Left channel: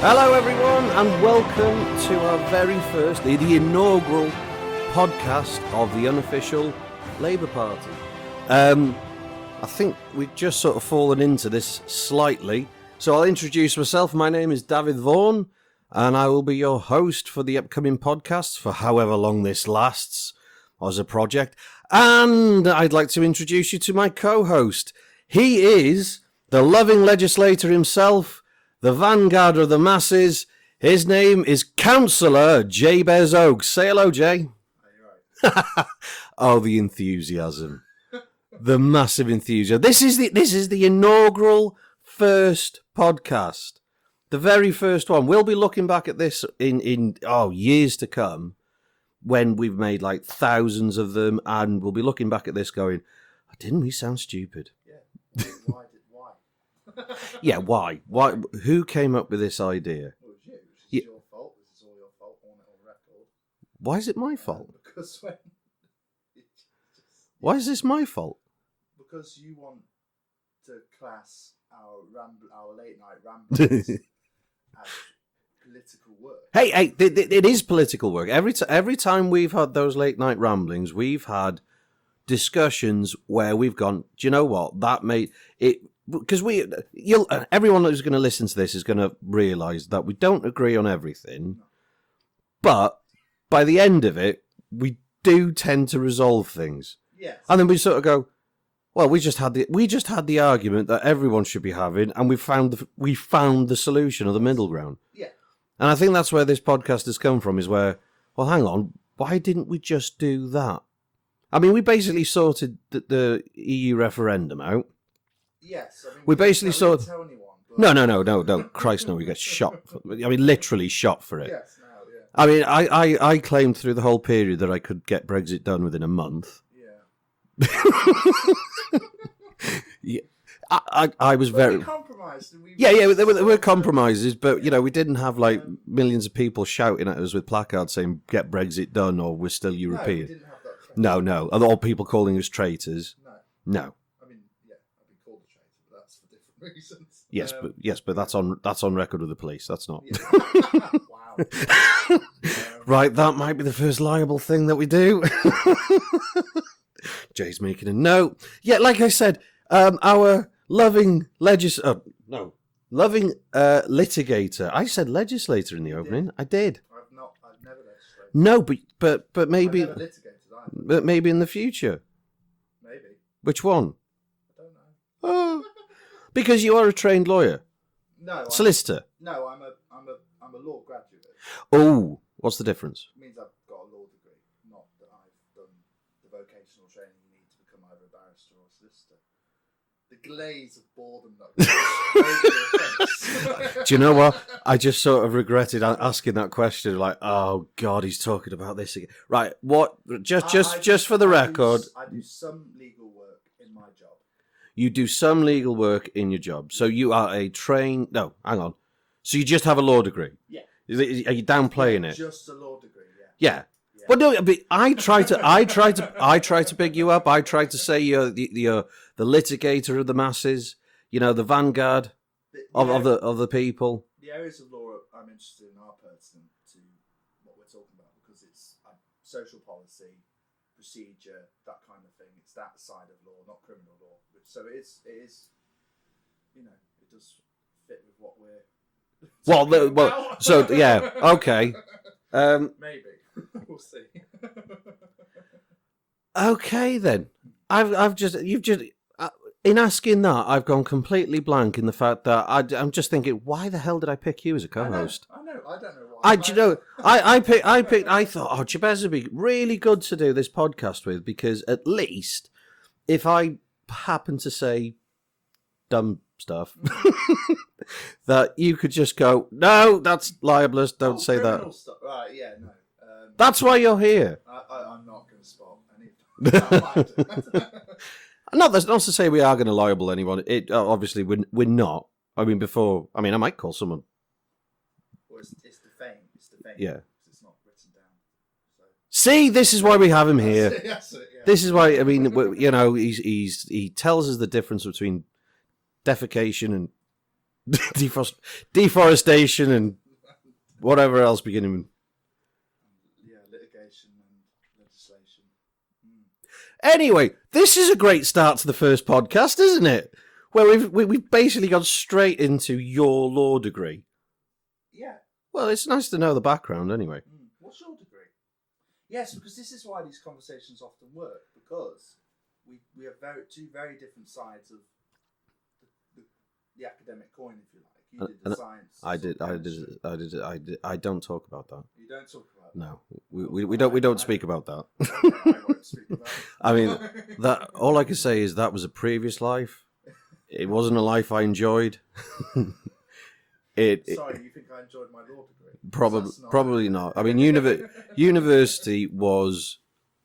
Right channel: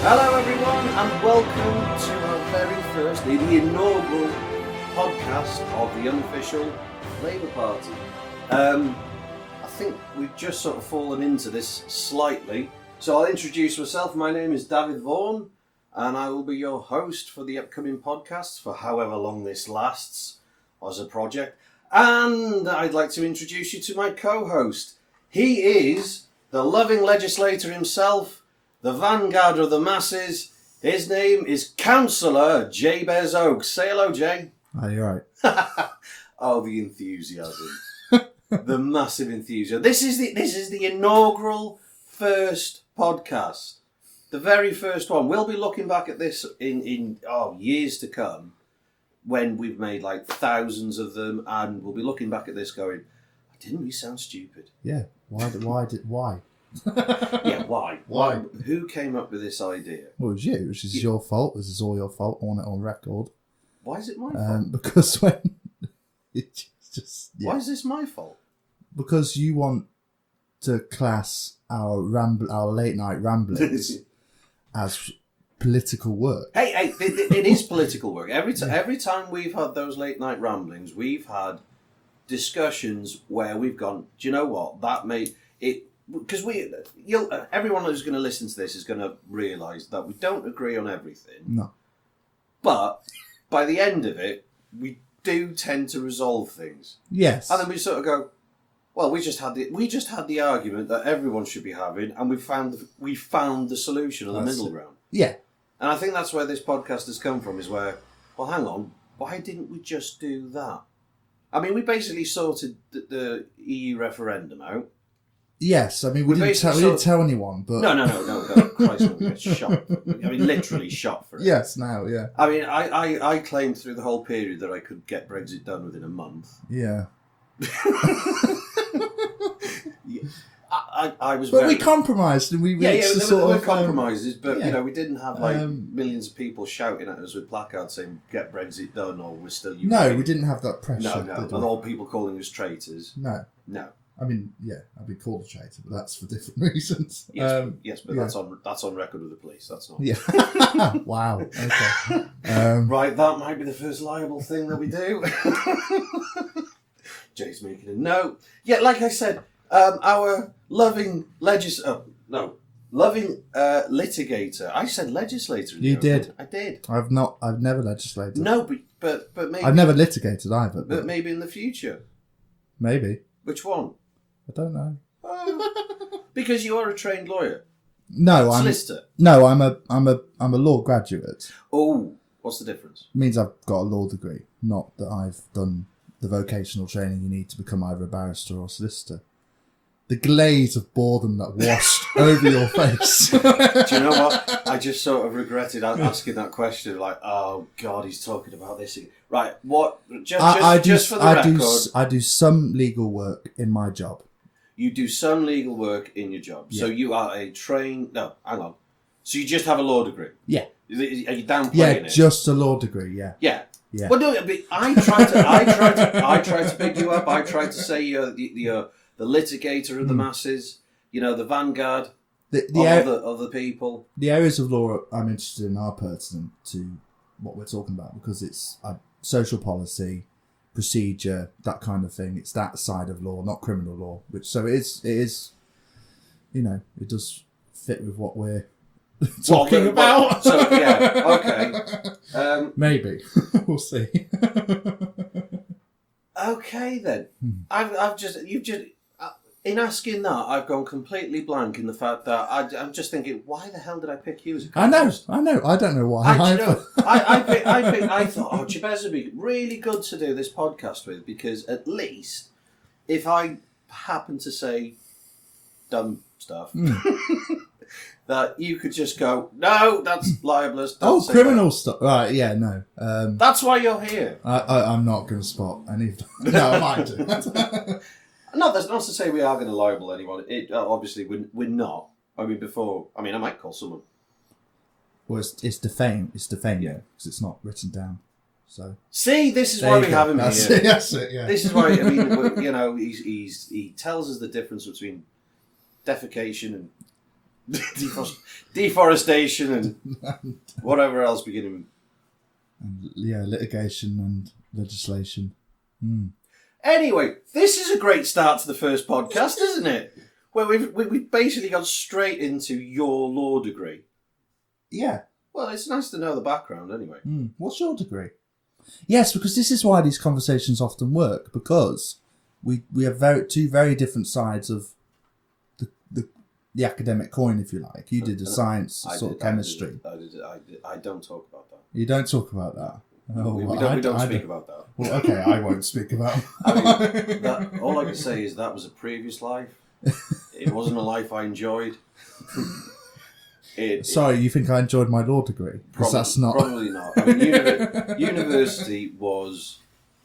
Hello everyone and welcome to our very first, the inaugural podcast of the unofficial Labour Party. I think we've just sort of fallen into this slightly, so I'll introduce myself. My name is Dafydd Vaughan and I will be your host for the upcoming podcast for however long this lasts as a project. And I'd like to introduce you to my co-host. He is the loving legislator himself, the vanguard of the masses. His name is Cllr Jabez Oakes. Say hello, Jay. Oh, you're right. Oh, the enthusiasm. The massive enthusiasm. This is the inaugural first podcast. The very first one. We'll be looking back at this in years to come when we've made like thousands of them, and we'll be looking back at this going, didn't we sound stupid? Yeah. Why? Yeah, why? Why? Who came up with this idea? Well, it was you, which is your fault. This is all your fault. I want it on record. Why is it my fault? Because when it's just Why is this my fault? Because you want to class our late night ramblings as political work. Hey, it is political work. Every time we've had those late night ramblings, we've had discussions where we've gone, do you know what? That made it. Because everyone who's going to listen to this is going to realise that we don't agree on everything. No. But by the end of it, we do tend to resolve things. Yes. And then we sort of go, well, we just had the argument that everyone should be having, and we found the solution or the middle ground. Yeah. And I think that's where this podcast has come from. Is where, well, hang on, why didn't we just do that? I mean, we basically sorted the EU referendum out. Yes, I mean, we didn't tell anyone, but... No, Christ, no, we get shot. I mean, literally shot for it. Yes, now, yeah. I mean, I claimed through the whole period that I could get Brexit done within a month. Yeah. Yeah. I was we compromised and we... there were compromises, but, you know, we didn't have, like, millions of people shouting at us with placards saying, get Brexit done, or we're still European. No, we didn't have that pressure. No. And all people calling us traitors. No. I mean, yeah, I'd be called a traitor, but that's for different reasons. Yes, but that's on record with the police. That's not. Yeah. Wow. Okay. Right, that might be the first liable thing that we do. Jay's making a note. Yeah, like I said, our loving litigator. I said legislator in the opening. Did. I did. I've never legislated. No, but maybe I've never litigated either. But maybe in the future. Maybe. Which one? I don't know. Because you are a trained lawyer. No, solicitor. I'm a law graduate. Oh, what's the difference? It means I've got a law degree, not that I've done the vocational training you need to become either a barrister or a solicitor. The glaze of boredom that washed over your face. Do you know what? I just sort of regretted asking that question. Like, oh God, he's talking about this again. Right? What? Just for the record, I do some legal work in my job. You do some legal work in your job. Yeah. So you are a trained... No, hang on. So you just have a law degree? Yeah. Are you downplaying it? Just a law degree, yeah. Yeah. Well, no, but I try to big you up. I try to say you're the litigator of the masses, you know, the vanguard of the people. The areas of law I'm interested in are pertinent to what we're talking about because it's social policy, procedure, that kind of thing. It's that side of law, not criminal law. So it is, you know, it does fit with what we're talking about. So yeah, okay. Maybe we'll see. Okay then. In asking that, I've gone completely blank in the fact that I'm just thinking, why the hell did I pick you as a co-host? I know. I don't know why. I thought, Jabez would be really good to do this podcast with because at least if I happen to say dumb stuff, that you could just go, no, that's libelous. Don't say criminal that. stuff. Right? Yeah, no. That's why you're here. I'm not going to spot any of them. No, I might do. No, that's not to say we are going to libel anyone. It obviously we're not. I might call someone. Well, it's defame. It's defame. Yeah, because it's not written down. So see, this is why we have him here. That's it. Yeah. This is why you know he tells us the difference between defecation and deforestation and whatever else beginning with. And, litigation and legislation. Anyway, this is a great start to the first podcast, isn't it? Where we've basically gone straight into your law degree. Yeah. Well, it's nice to know the background anyway. What's your degree? Yes, because this is why these conversations often work, because we have two very different sides of the academic coin, if you like. You did a science, chemistry. I don't talk about that. You don't talk about that. No. We don't speak about that. Well, okay, I won't speak about it. I mean, that all I can say is that was a previous life. It wasn't a life I enjoyed. Sorry, you think I enjoyed my law degrey? Probably not. I mean, university was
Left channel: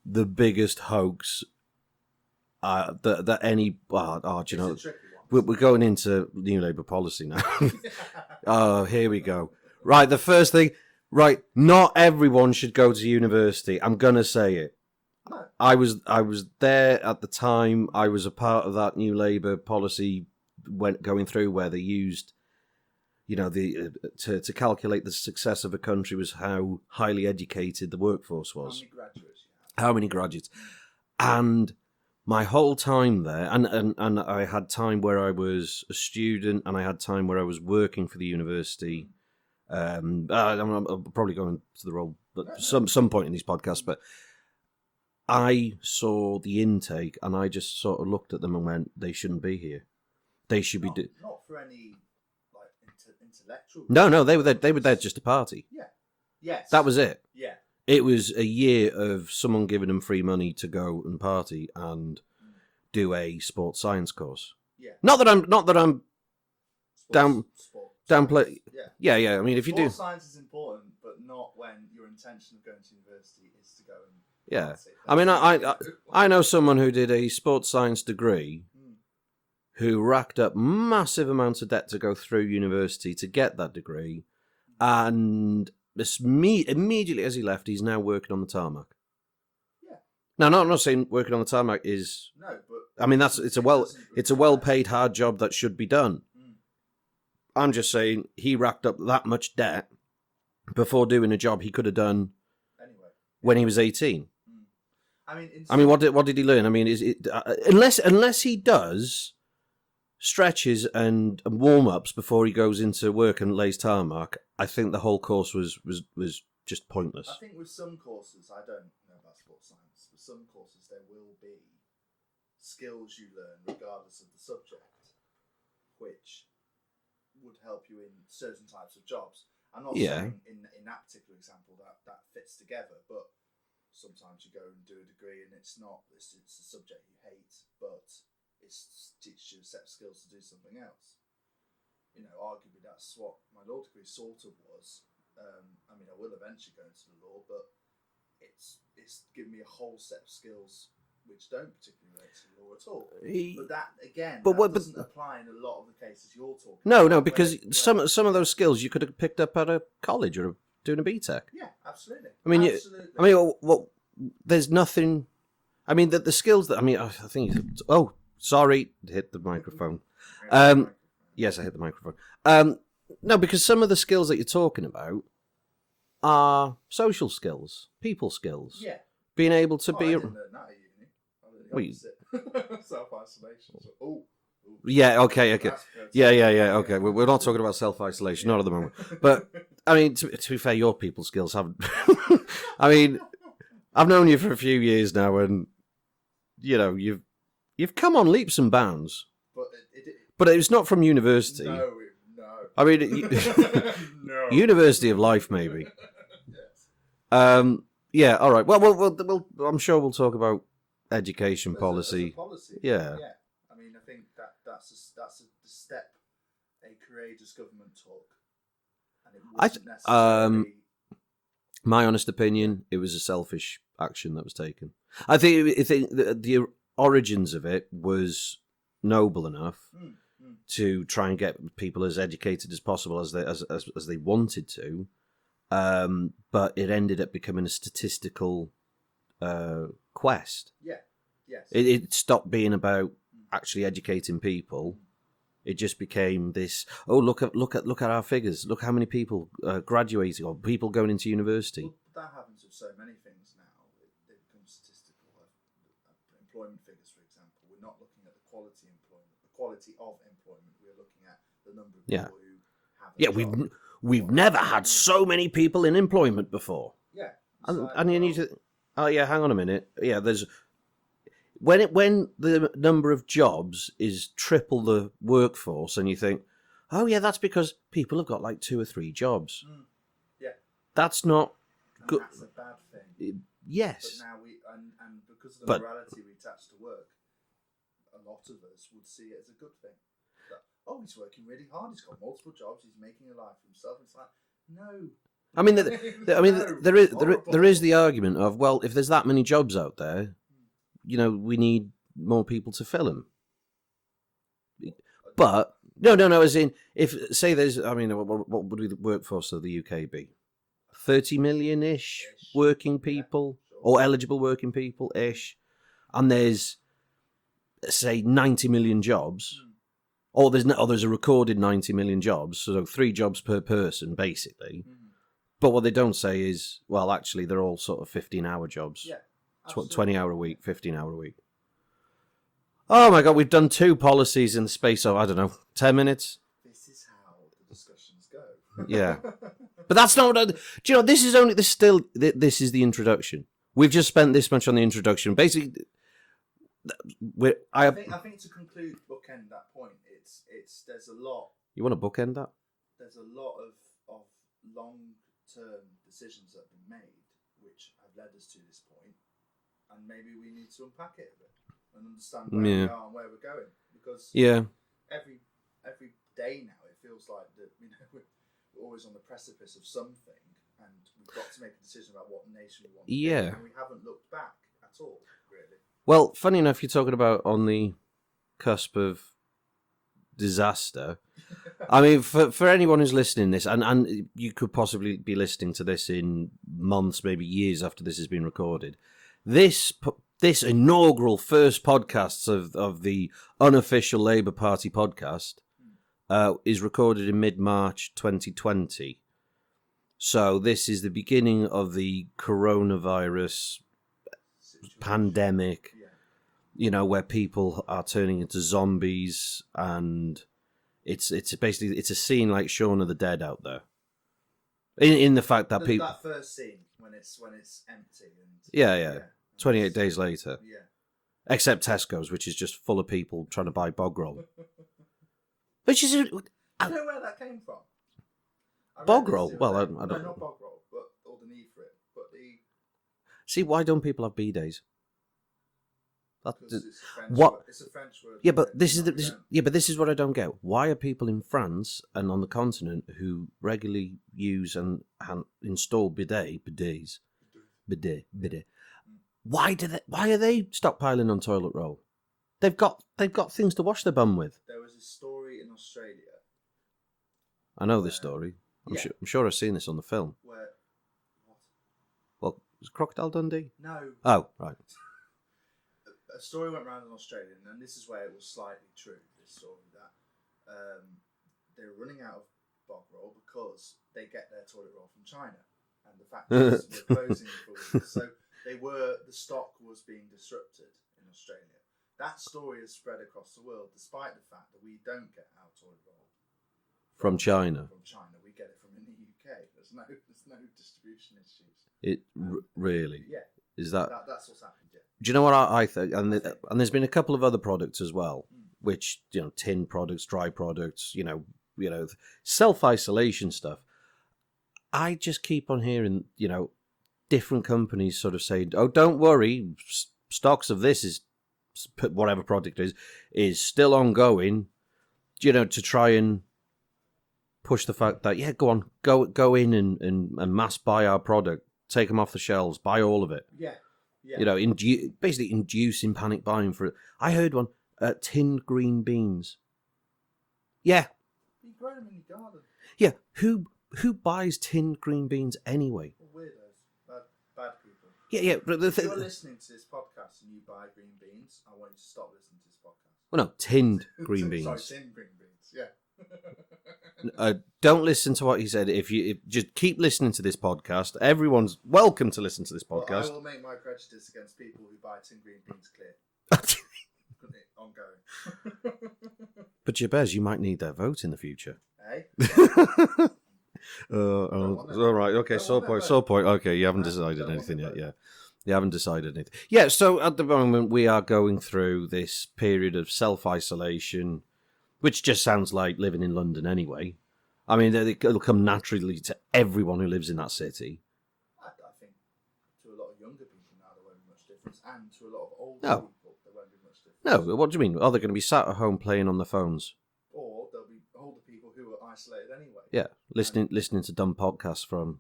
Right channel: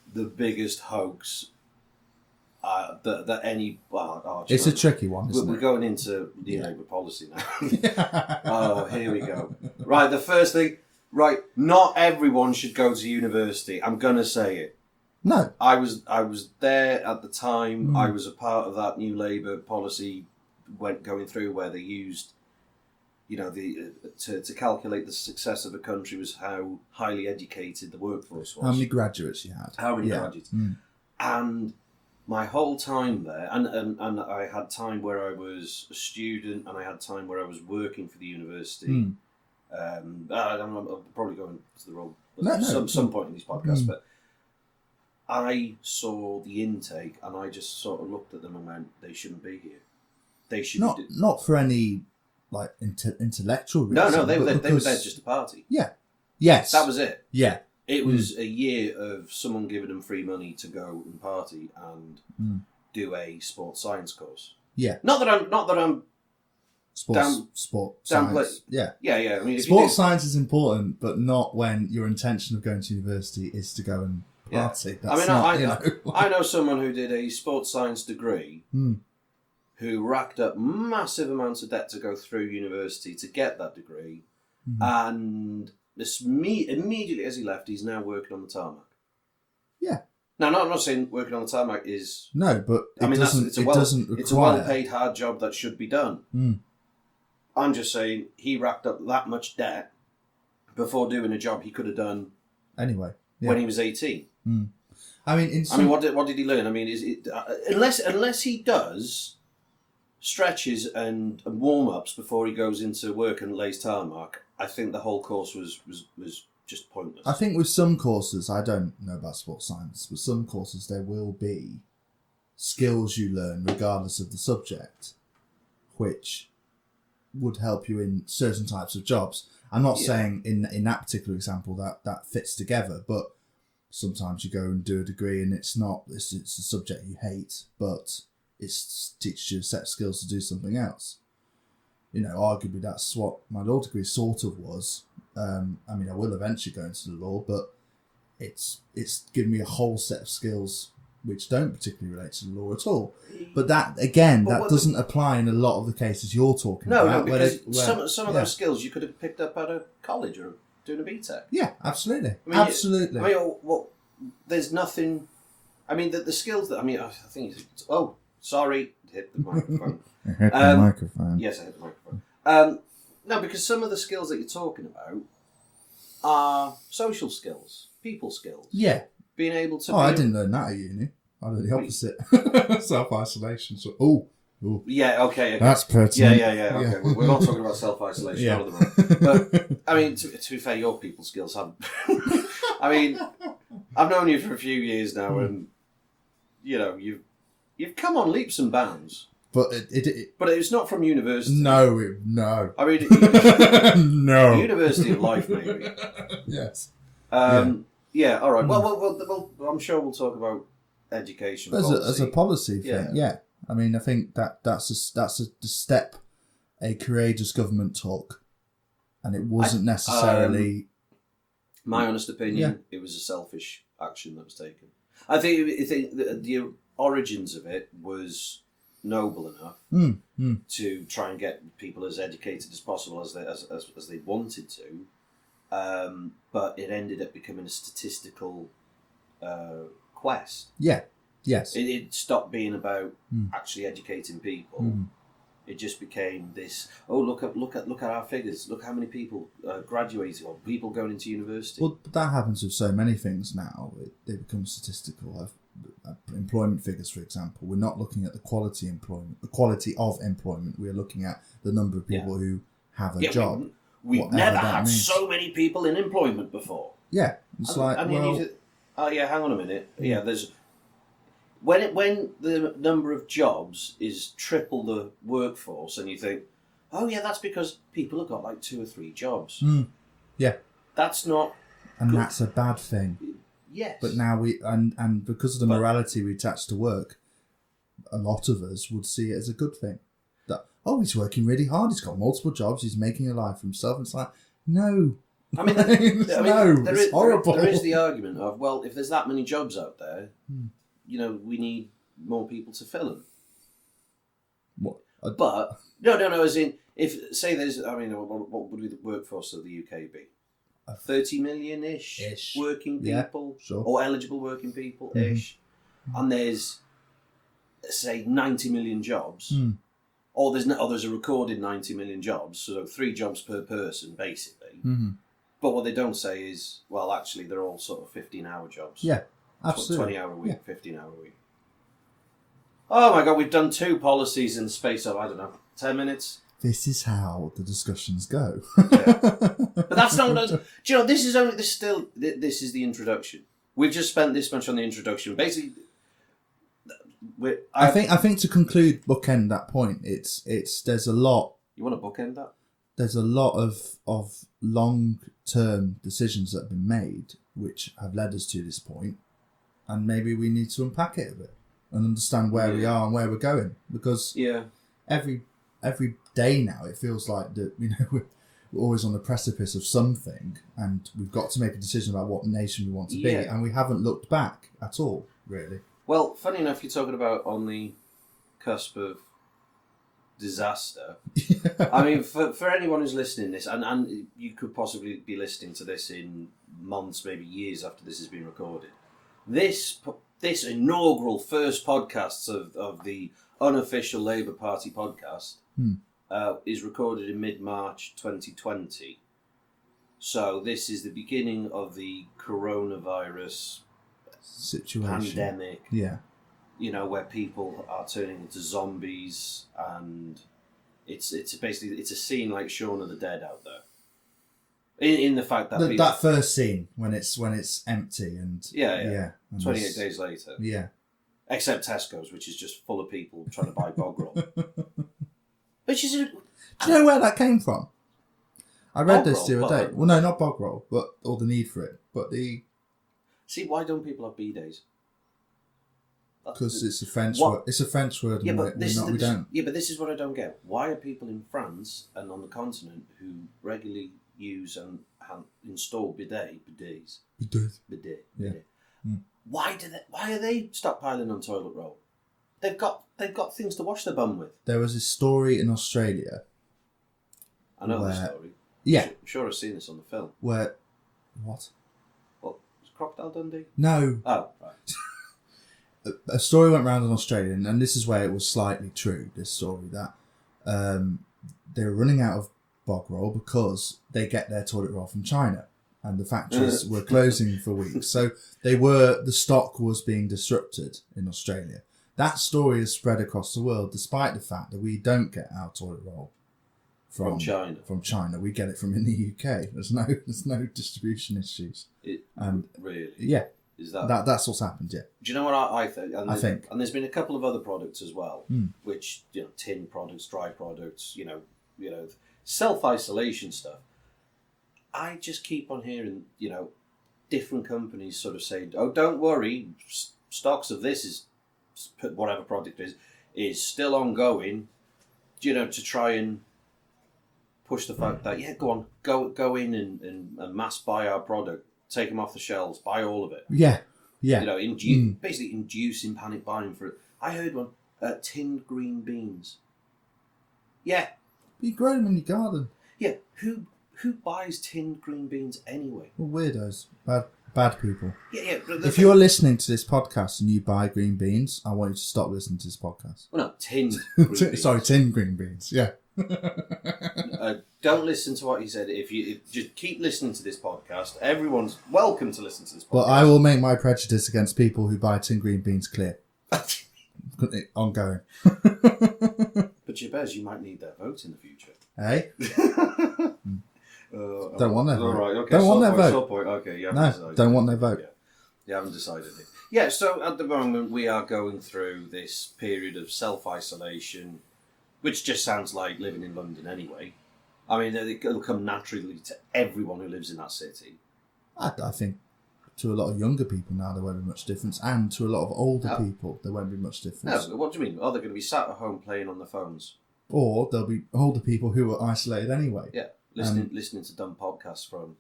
the biggest hoax that any... it's a tricky one. We're going into New Labour policy now. Oh, here we go. Right, the first thing... Right, not everyone should go to university. I'm going to say it. No. I was there at the time. I was a part of that New Labour policy going through where they used... to calculate the success of a country was how highly educated the workforce was. How many graduates you had. How many graduates. And my whole time there, and I had time where I was a student and I had time where I was working for the university. I'm probably going to the role at some point in these podcasts, but I saw the intake and I just sort of looked at them and went, they shouldn't be here. They should be... Not for any... like intellectual reason. No, they were there just to party. Yeah. Yes. That was it. Yeah. It was a year of someone giving them free money to go and party and do a sports science course. Yeah. Not that I'm sport downplay. Science. Yeah. Yeah. I mean, if sports science is important, but not when your intention of going to university is to go and party. I mean, I know someone who did a sports science degree who racked up massive amounts of debt to go through university to get that degree, and immediately as he left, he's now working on the tarmac. Yeah. Now, I'm not saying working on the tarmac is but I mean it's a well-paid hard job that should be done. I'm just saying he racked up that much debt before doing a job he could have done anyway when he was 18. I mean, what did he learn? I mean, is it unless he does stretches and warm-ups before he goes into work and lays tarmac, I think the whole course was just pointless. I think with some courses, I don't know about sports science, but some courses there will be skills you learn regardless of the subject, which would help you in certain types of jobs. I'm not saying in that particular example that fits together, but sometimes you go and do a degree and it's a subject you hate, but it teaches you a set of skills to do something else. Arguably that's what my law degree sort of was. I mean, I will eventually go into the law, but it's given me a whole set of skills which don't particularly relate to the law at all. But that, again, doesn't apply in a lot of the cases you're talking about. No, because some of those skills you could have picked up at a college or doing a BTEC. Yeah, absolutely. Absolutely. There's nothing... I mean, the skills that... I mean, I think... Oh, sorry, hit the microphone. Hit the microphone. Yes, I hit the microphone. No, because some of the skills that you're talking about are social skills, people skills. Yeah. Being able to I didn't learn that at uni. I learned the opposite. Self-isolation. So, yeah, okay. That's pertinent. Yeah. Okay, we're not talking about self-isolation, not at the moment. But, I mean, to be fair, your people skills haven't... I mean, I've known you for a few years now, and, you've come on leaps and bounds. But but it's not from university. No. I mean, no. University of life, maybe. Yes. Yeah. All right. Well, I'm sure we'll talk about education policy as a policy thing. Yeah. I mean, I think that's a step a courageous government took, and it wasn't necessarily. My honest opinion, it was a selfish action that was taken. I think the origins of it was noble enough to try and get people as educated as possible as they wanted to, but it ended up becoming a statistical quest. Yeah. Yes. It stopped being about actually educating people It just became this. Oh, look at our figures. Look how many people graduating or people going into university. Well, that happens with so many things now. They become statistical. Employment figures, for example, we're not looking at the quality of employment. We're looking at the number of people who have a job. We've never had so many people in employment before. Yeah, it's hang on a minute. Yeah, there's when the number of jobs is triple the workforce, and you think, oh yeah, that's because people have got like 2 or 3 jobs. Yeah, that's not, and good. That's a bad thing. Yes, but now we and because of the morality we attach to work, a lot of us would see it as a good thing. That he's working really hard. He's got multiple jobs. He's making a life for himself. It's like no. I mean, there is the argument of, well, if there's that many jobs out there, we need more people to fill them. But no, as in, if say there's, what would the workforce of the UK be? 30 million-ish working people, or eligible working people-ish, and there's, say, 90 million jobs, or there's a recorded 90 million jobs, so 3 jobs per person, basically. But what they don't say is, well, actually, they're all sort of 15-hour jobs. Yeah, absolutely. 20-hour a week, 15-hour a week. Oh my God, we've done 2 policies in the space of, 10 minutes. This is how the discussions go. Yeah, but that's not what. Do you know? This is the introduction. We've just spent this much on the introduction. Basically, I think to conclude, bookend that point. There's a lot. You want to bookend that? There's a lot of long-term decisions that have been made which have led us to this point, and maybe we need to unpack it a bit and understand where we are and where we're going, because every day now it feels like that we're always on the precipice of something, and we've got to make a decision about what nation we want to be, and we haven't looked back at all, really. Well, funny enough, you're talking about on the cusp of disaster. I mean, for anyone who's listening to this, and you could possibly be listening to this in months, maybe years after this has been recorded, this inaugural first podcast of the unofficial Labour Party podcast is recorded in mid-March 2020. So this is the beginning of the coronavirus situation, pandemic. Yeah. Where people are turning into zombies, and it's basically a scene like Shaun of the Dead out there. In the fact that that first scene when it's empty and 28 days later, except Tesco's, which is just full of people trying to buy bog roll. Which is, do you know where that came from? I read this the other day. Well, no, not bog roll, or the need for it, but the. See, why don't people have B-days? Because it's a French word. It's a French word. Yeah, but this is what I don't get. Why are people in France and on the continent who regularly use and install bidets? Why are they stockpiling on toilet roll? They've got things to wash their bum with. There was a story in Australia. I know the story. I'm sure I've seen this on the film. Where, what? Well, was it Crocodile Dundee? No. Oh, right. A story went around in Australia, and this is where it was slightly true, this story, that they were running out of bog roll because they get their toilet roll from China, and the factories were closing for weeks. So the stock was being disrupted in Australia. That story has spread across the world, despite the fact that we don't get our toilet roll from China. From China, we get it from in the UK. There's no distribution issues. Really? Yeah. Is that's what's happened? Yeah. Do you know what I think? I think, and there's been a couple of other products as well, which tin products, dry products, self-isolation stuff. I just keep on hearing different companies sort of say, "Oh, don't worry, stocks of this is whatever product is still ongoing," to try and push the fact that go in and mass buy our product. Take them off the shelves, buy all of it. Yeah. Basically inducing panic buying for it. I heard one, tinned green beans. Yeah. You grow them in your garden. Yeah, who buys tinned green beans anyway? Well, weirdos. Bad people. Yeah. But If you're listening to this podcast and you buy green beans, I want you to stop listening to this podcast. Well, no, tinned green beans. Sorry, tinned green beans. Yeah. Don't listen to what he said. If just keep listening to this podcast, everyone's welcome to listen to this podcast. But I will make my prejudice against people who buy tinned green beans clear. Ongoing. But Jabez, you might need their vote in the future. Hey? Don't want their vote. All right, okay. Don't want their vote. Sore point. Okay, you haven't decided. Don't want their anything vote. yet. Yeah, you haven't decided it. Yeah, so at the moment we are going through this period of self-isolation, which just sounds like living in London anyway. I mean, it'll come naturally to everyone who lives in that city. I think to a lot of younger people now there won't be much difference, and to a lot of older people there won't be much difference. No, what do you mean? Oh, they're going to be sat at home playing on their phones. Or there'll be older people who are isolated anyway. Yeah, listening to dumb podcasts from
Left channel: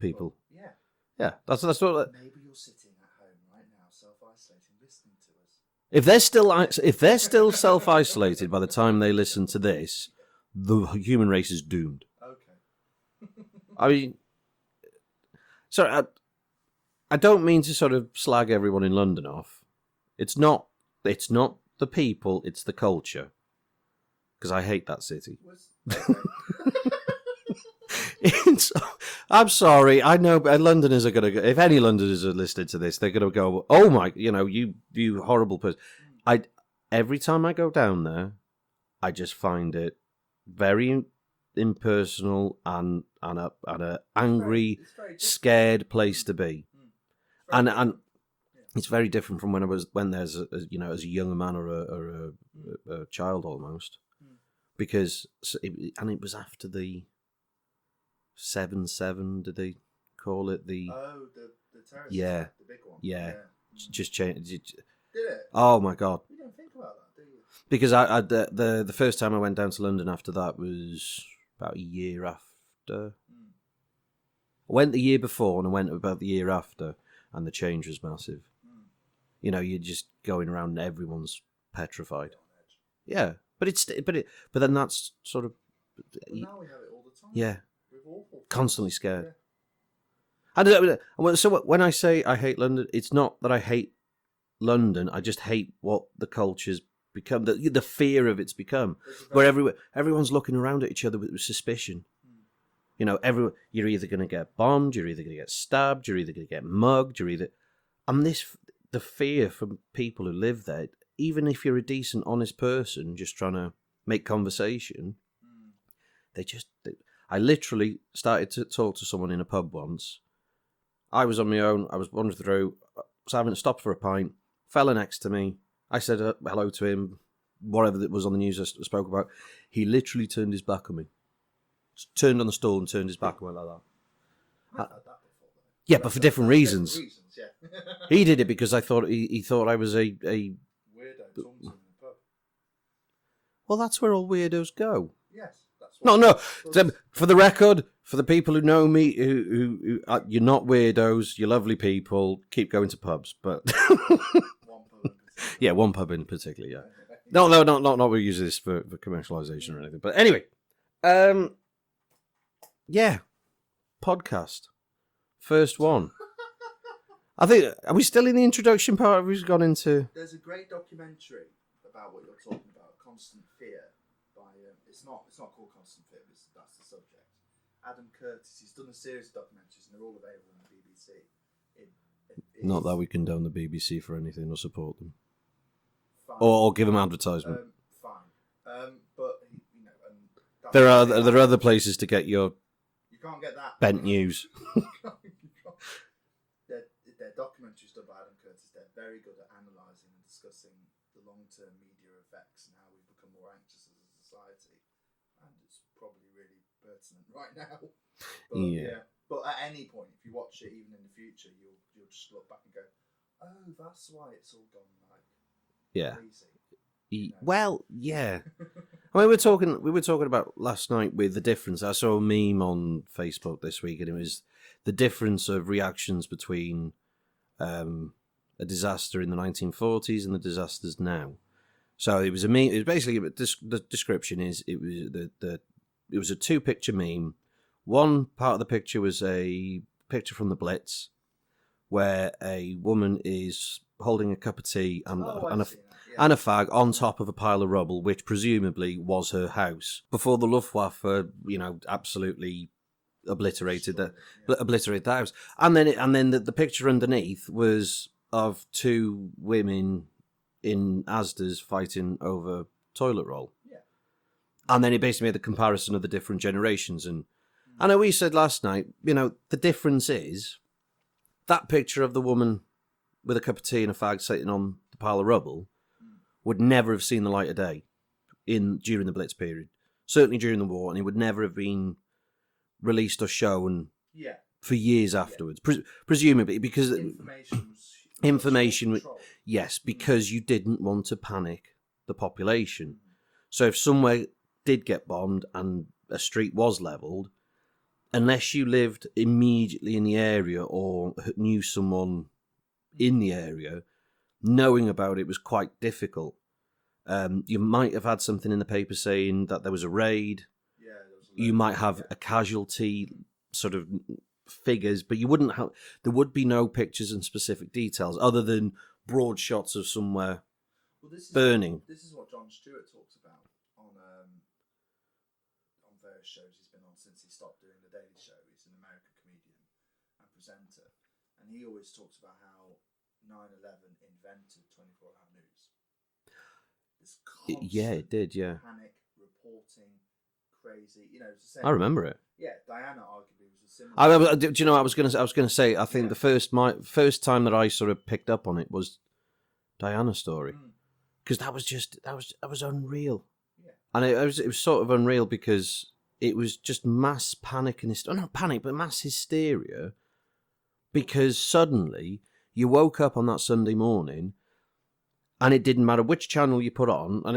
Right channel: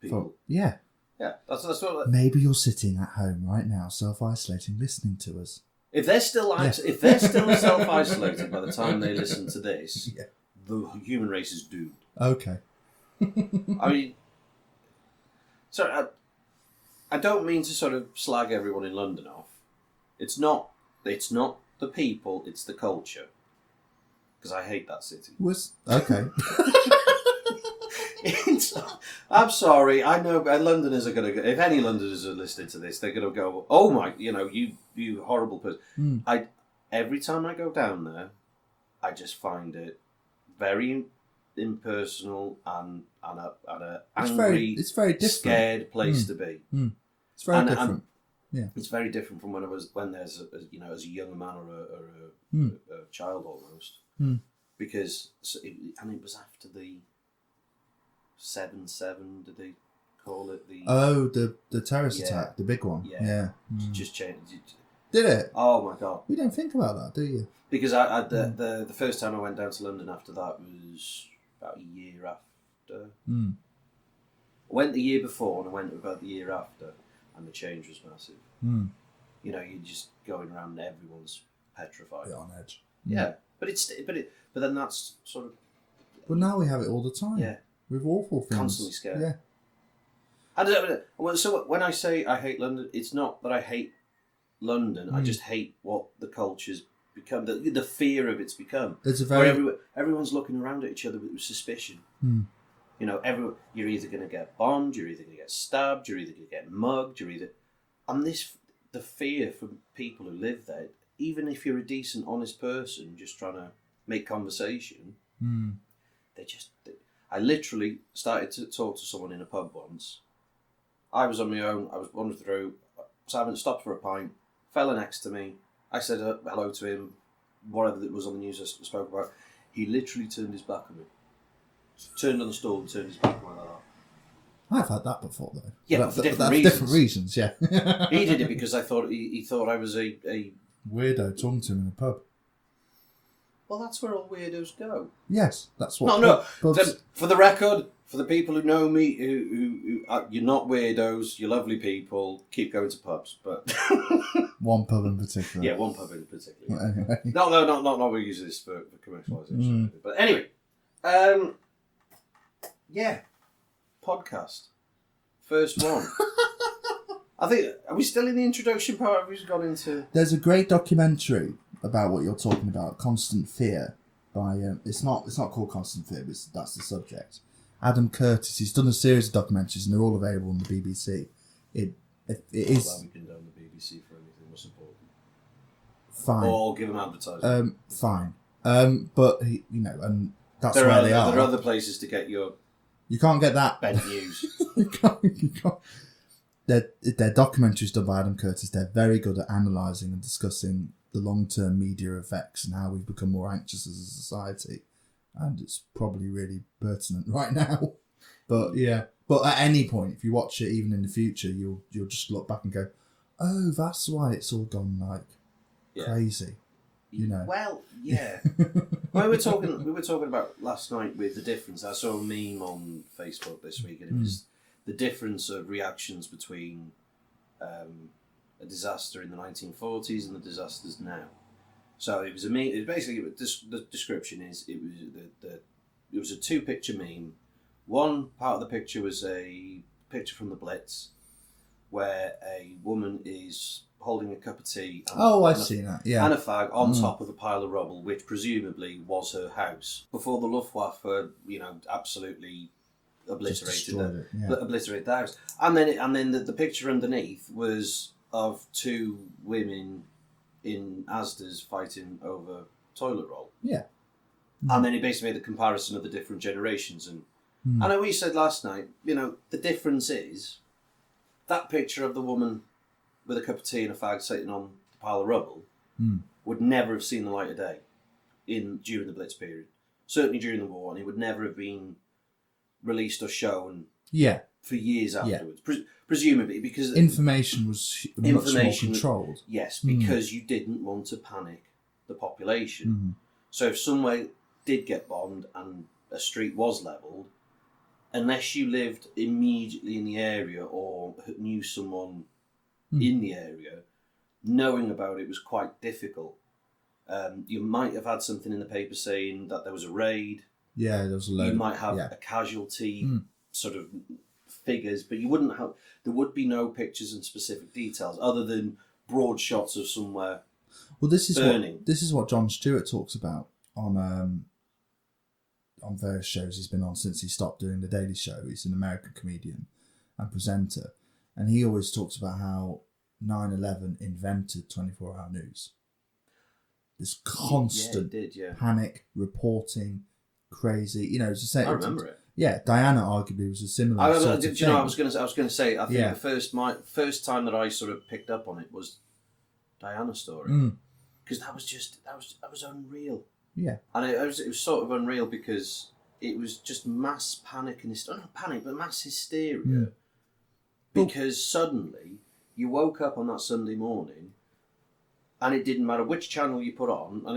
people. Yeah. That's what. Maybe you're sitting at home right now, self-isolating, listening to us. If they're still self-isolated by the time they listen to this, the human race is doomed. Okay. I mean, sorry, I don't mean to sort of slag everyone in London off. It's not the people, it's the culture. Because I hate that city. Okay. I'm sorry. I know, but Londoners are going to go. If any Londoners are listening to this, they're going to go, "Oh my, you horrible person." Every time I go down there, I just find it very impersonal and a angry, it's very scared place to be. It's very different. Yeah. It's very different from when there's as a young man or a child almost. Because it was after the 7/7. Did they call it the terrorist attack, the big one? Yeah. Just changed. Did it? Oh my god! You don't think about that, do you? Because the first time I went down to London after that was about a year after. I went the year before and I went about the year after, and the change was massive. You're just going around and everyone's petrified, on edge. Yeah. But then that's sort of. But now we have it all the time. Yeah, with awful things. Constantly scared. Yeah. And so when I say I hate London, it's not that I hate London. I just hate what the culture's become. The fear of it's become. Where everyone's looking around at each other with suspicion. You're either going to get bombed, you're either going to get stabbed, you're either going to get mugged, the fear from people who live there. Even if you're a decent, honest person, just trying to make conversation, I literally started to talk to someone in a pub once. I was on my own. I was wandering through. Simon stopped for a pint. Fella next to me. I said hello to him. Whatever that was on the news I spoke about. He literally turned his back on me. Turned on the stool and turned his back on me like that. I've had that before, though. Yeah, but for different reasons. Different reasons, yeah. He did it because I thought he thought I was a weirdo talking to him in a pub. Well, that's where all weirdos go. Yes, that's what. No. For the record, for the people who know me, who you're not weirdos, you're lovely people. Keep going to pubs, but one pub in particular. Yeah, one pub in particular. Yeah. Anyway. No, not we use this for commercialisation or anything. But anyway, yeah, podcast, first one. I think, are we still in the introduction part? Have we just gone into? There's a great documentary about what you're talking about, Constant Fear. By it's not called Constant Fear, but that's the subject. Adam Curtis. He's done a series of documentaries, and they're all available on the BBC. It not is that we condone the BBC for anything or support them. Fine. Or give them advertisement. Fine. But and that's there are other places to get your. You can't get that bent news. You can't. They're documentaries done by Adam Curtis. They're very good at analysing and discussing the long-term media effects and how we've become more anxious as a society. And it's probably really pertinent right now. But yeah. But at any point, if you watch it, even in the future, you'll just look back and go, "Oh, that's why it's all gone crazy." Well, yeah. we were talking about last night with the difference. I saw a meme on Facebook this week, and it was the difference of reactions between a disaster in the 1940s and the disasters now. So it was a meme. It was basically the description is it was a 2-picture meme. One part of the picture was a picture from the Blitz, where a woman is holding a cup of tea and, I've seen that. Yeah. and a fag on top of a pile of rubble, which presumably was her house before the Luftwaffe, absolutely obliterated obliterated the house. And then the picture underneath was of two women in Asda's fighting over toilet roll. Yeah. And then he basically made the comparison of the different generations. And I know we said last night, the difference is that picture of the woman with a cup of tea and a fag sitting on the pile of rubble would never have seen the light of day during the Blitz period. Certainly during the war, and it would never have been released or shown for years afterwards. Presumably, because information was much more controlled. Yes, because you didn't want to panic the population. So if somewhere did get bombed and a street was levelled, unless you lived immediately in the area or knew someone in the area, knowing about it was quite difficult. You might have had something in the paper saying that there was a raid. Yeah, there was a load. You might have a casualty sort of figures, but you wouldn't have. There would be no pictures and specific details other than broad shots of somewhere. Well, this burning. This is what Jon Stewart talks about on various shows he's been on since he stopped doing the Daily Show. He's an American comedian and presenter, and he always talks about how 9/11 invented 24-hour news. This constant panic reporting. Crazy, it's the same. I remember it. Yeah, Diana arguably was a similar. Do you know? I was going to say. I think the first time that I sort of picked up on it was Diana's story, because that was unreal. Yeah, and it was sort of unreal because it was just mass panic and not panic, but mass hysteria, because suddenly you woke up on that Sunday morning. And it didn't matter which channel you put on, and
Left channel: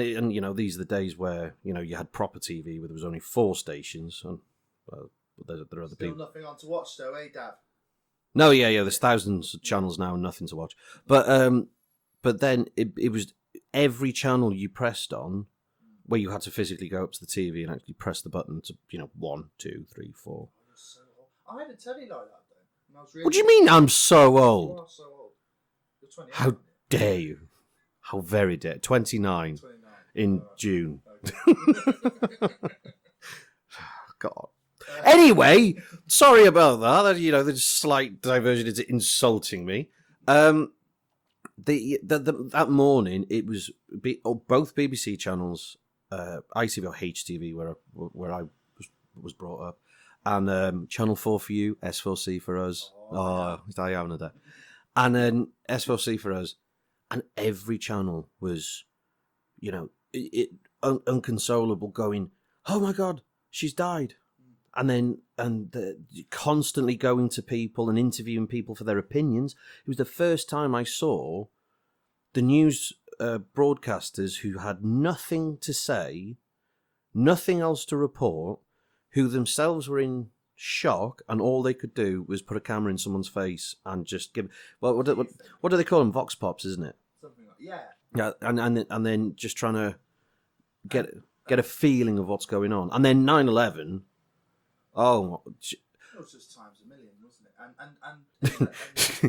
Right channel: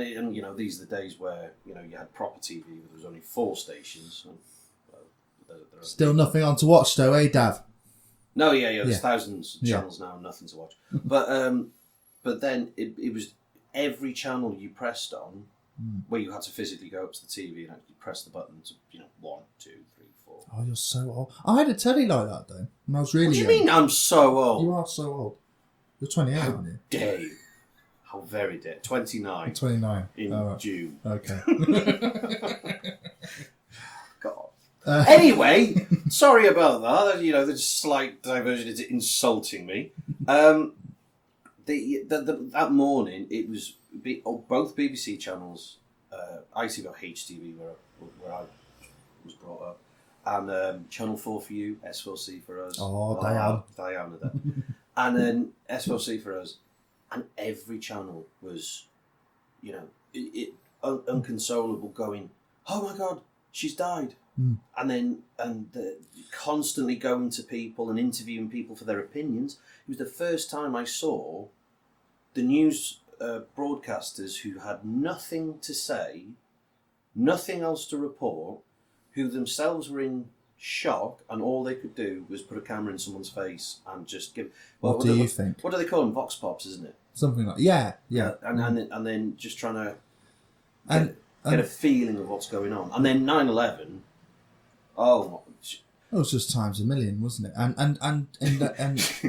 these are the days where you had proper TV where there was only 4 stations. And there still nothing on to watch though, eh, Dav? No, there's thousands of channels now and nothing to watch. But then it was every channel you pressed on, where you had to physically go up to the TV and actually press the button to 1, 2, 3, 4. Oh, you're so old. I had a telly like that though when I was really. What do you mean? I'm so old. You are so old. You're 28, aren't you? Dare you? How very dead. 29. 29. In June. Okay. God. Anyway, sorry about that. The slight diversion into insulting me. That morning, it was both BBC channels, ITV or HTV, where I was brought up, and Channel 4 for you, S4C for us. Oh, Diana. And then S4C for us. And every channel was, unconsolable, going, "Oh my God, she's died," and constantly going to people and interviewing people for their opinions. It was the first time I saw the news broadcasters who had nothing to say, nothing else to report, who themselves were in shock, and all they could do was put a camera in someone's face and just give. What do you think? What do they call them? Vox pops, isn't it? Something like and then just trying to get a feeling of what's going on, and then 9/11. Oh, it was just times a million, wasn't it? And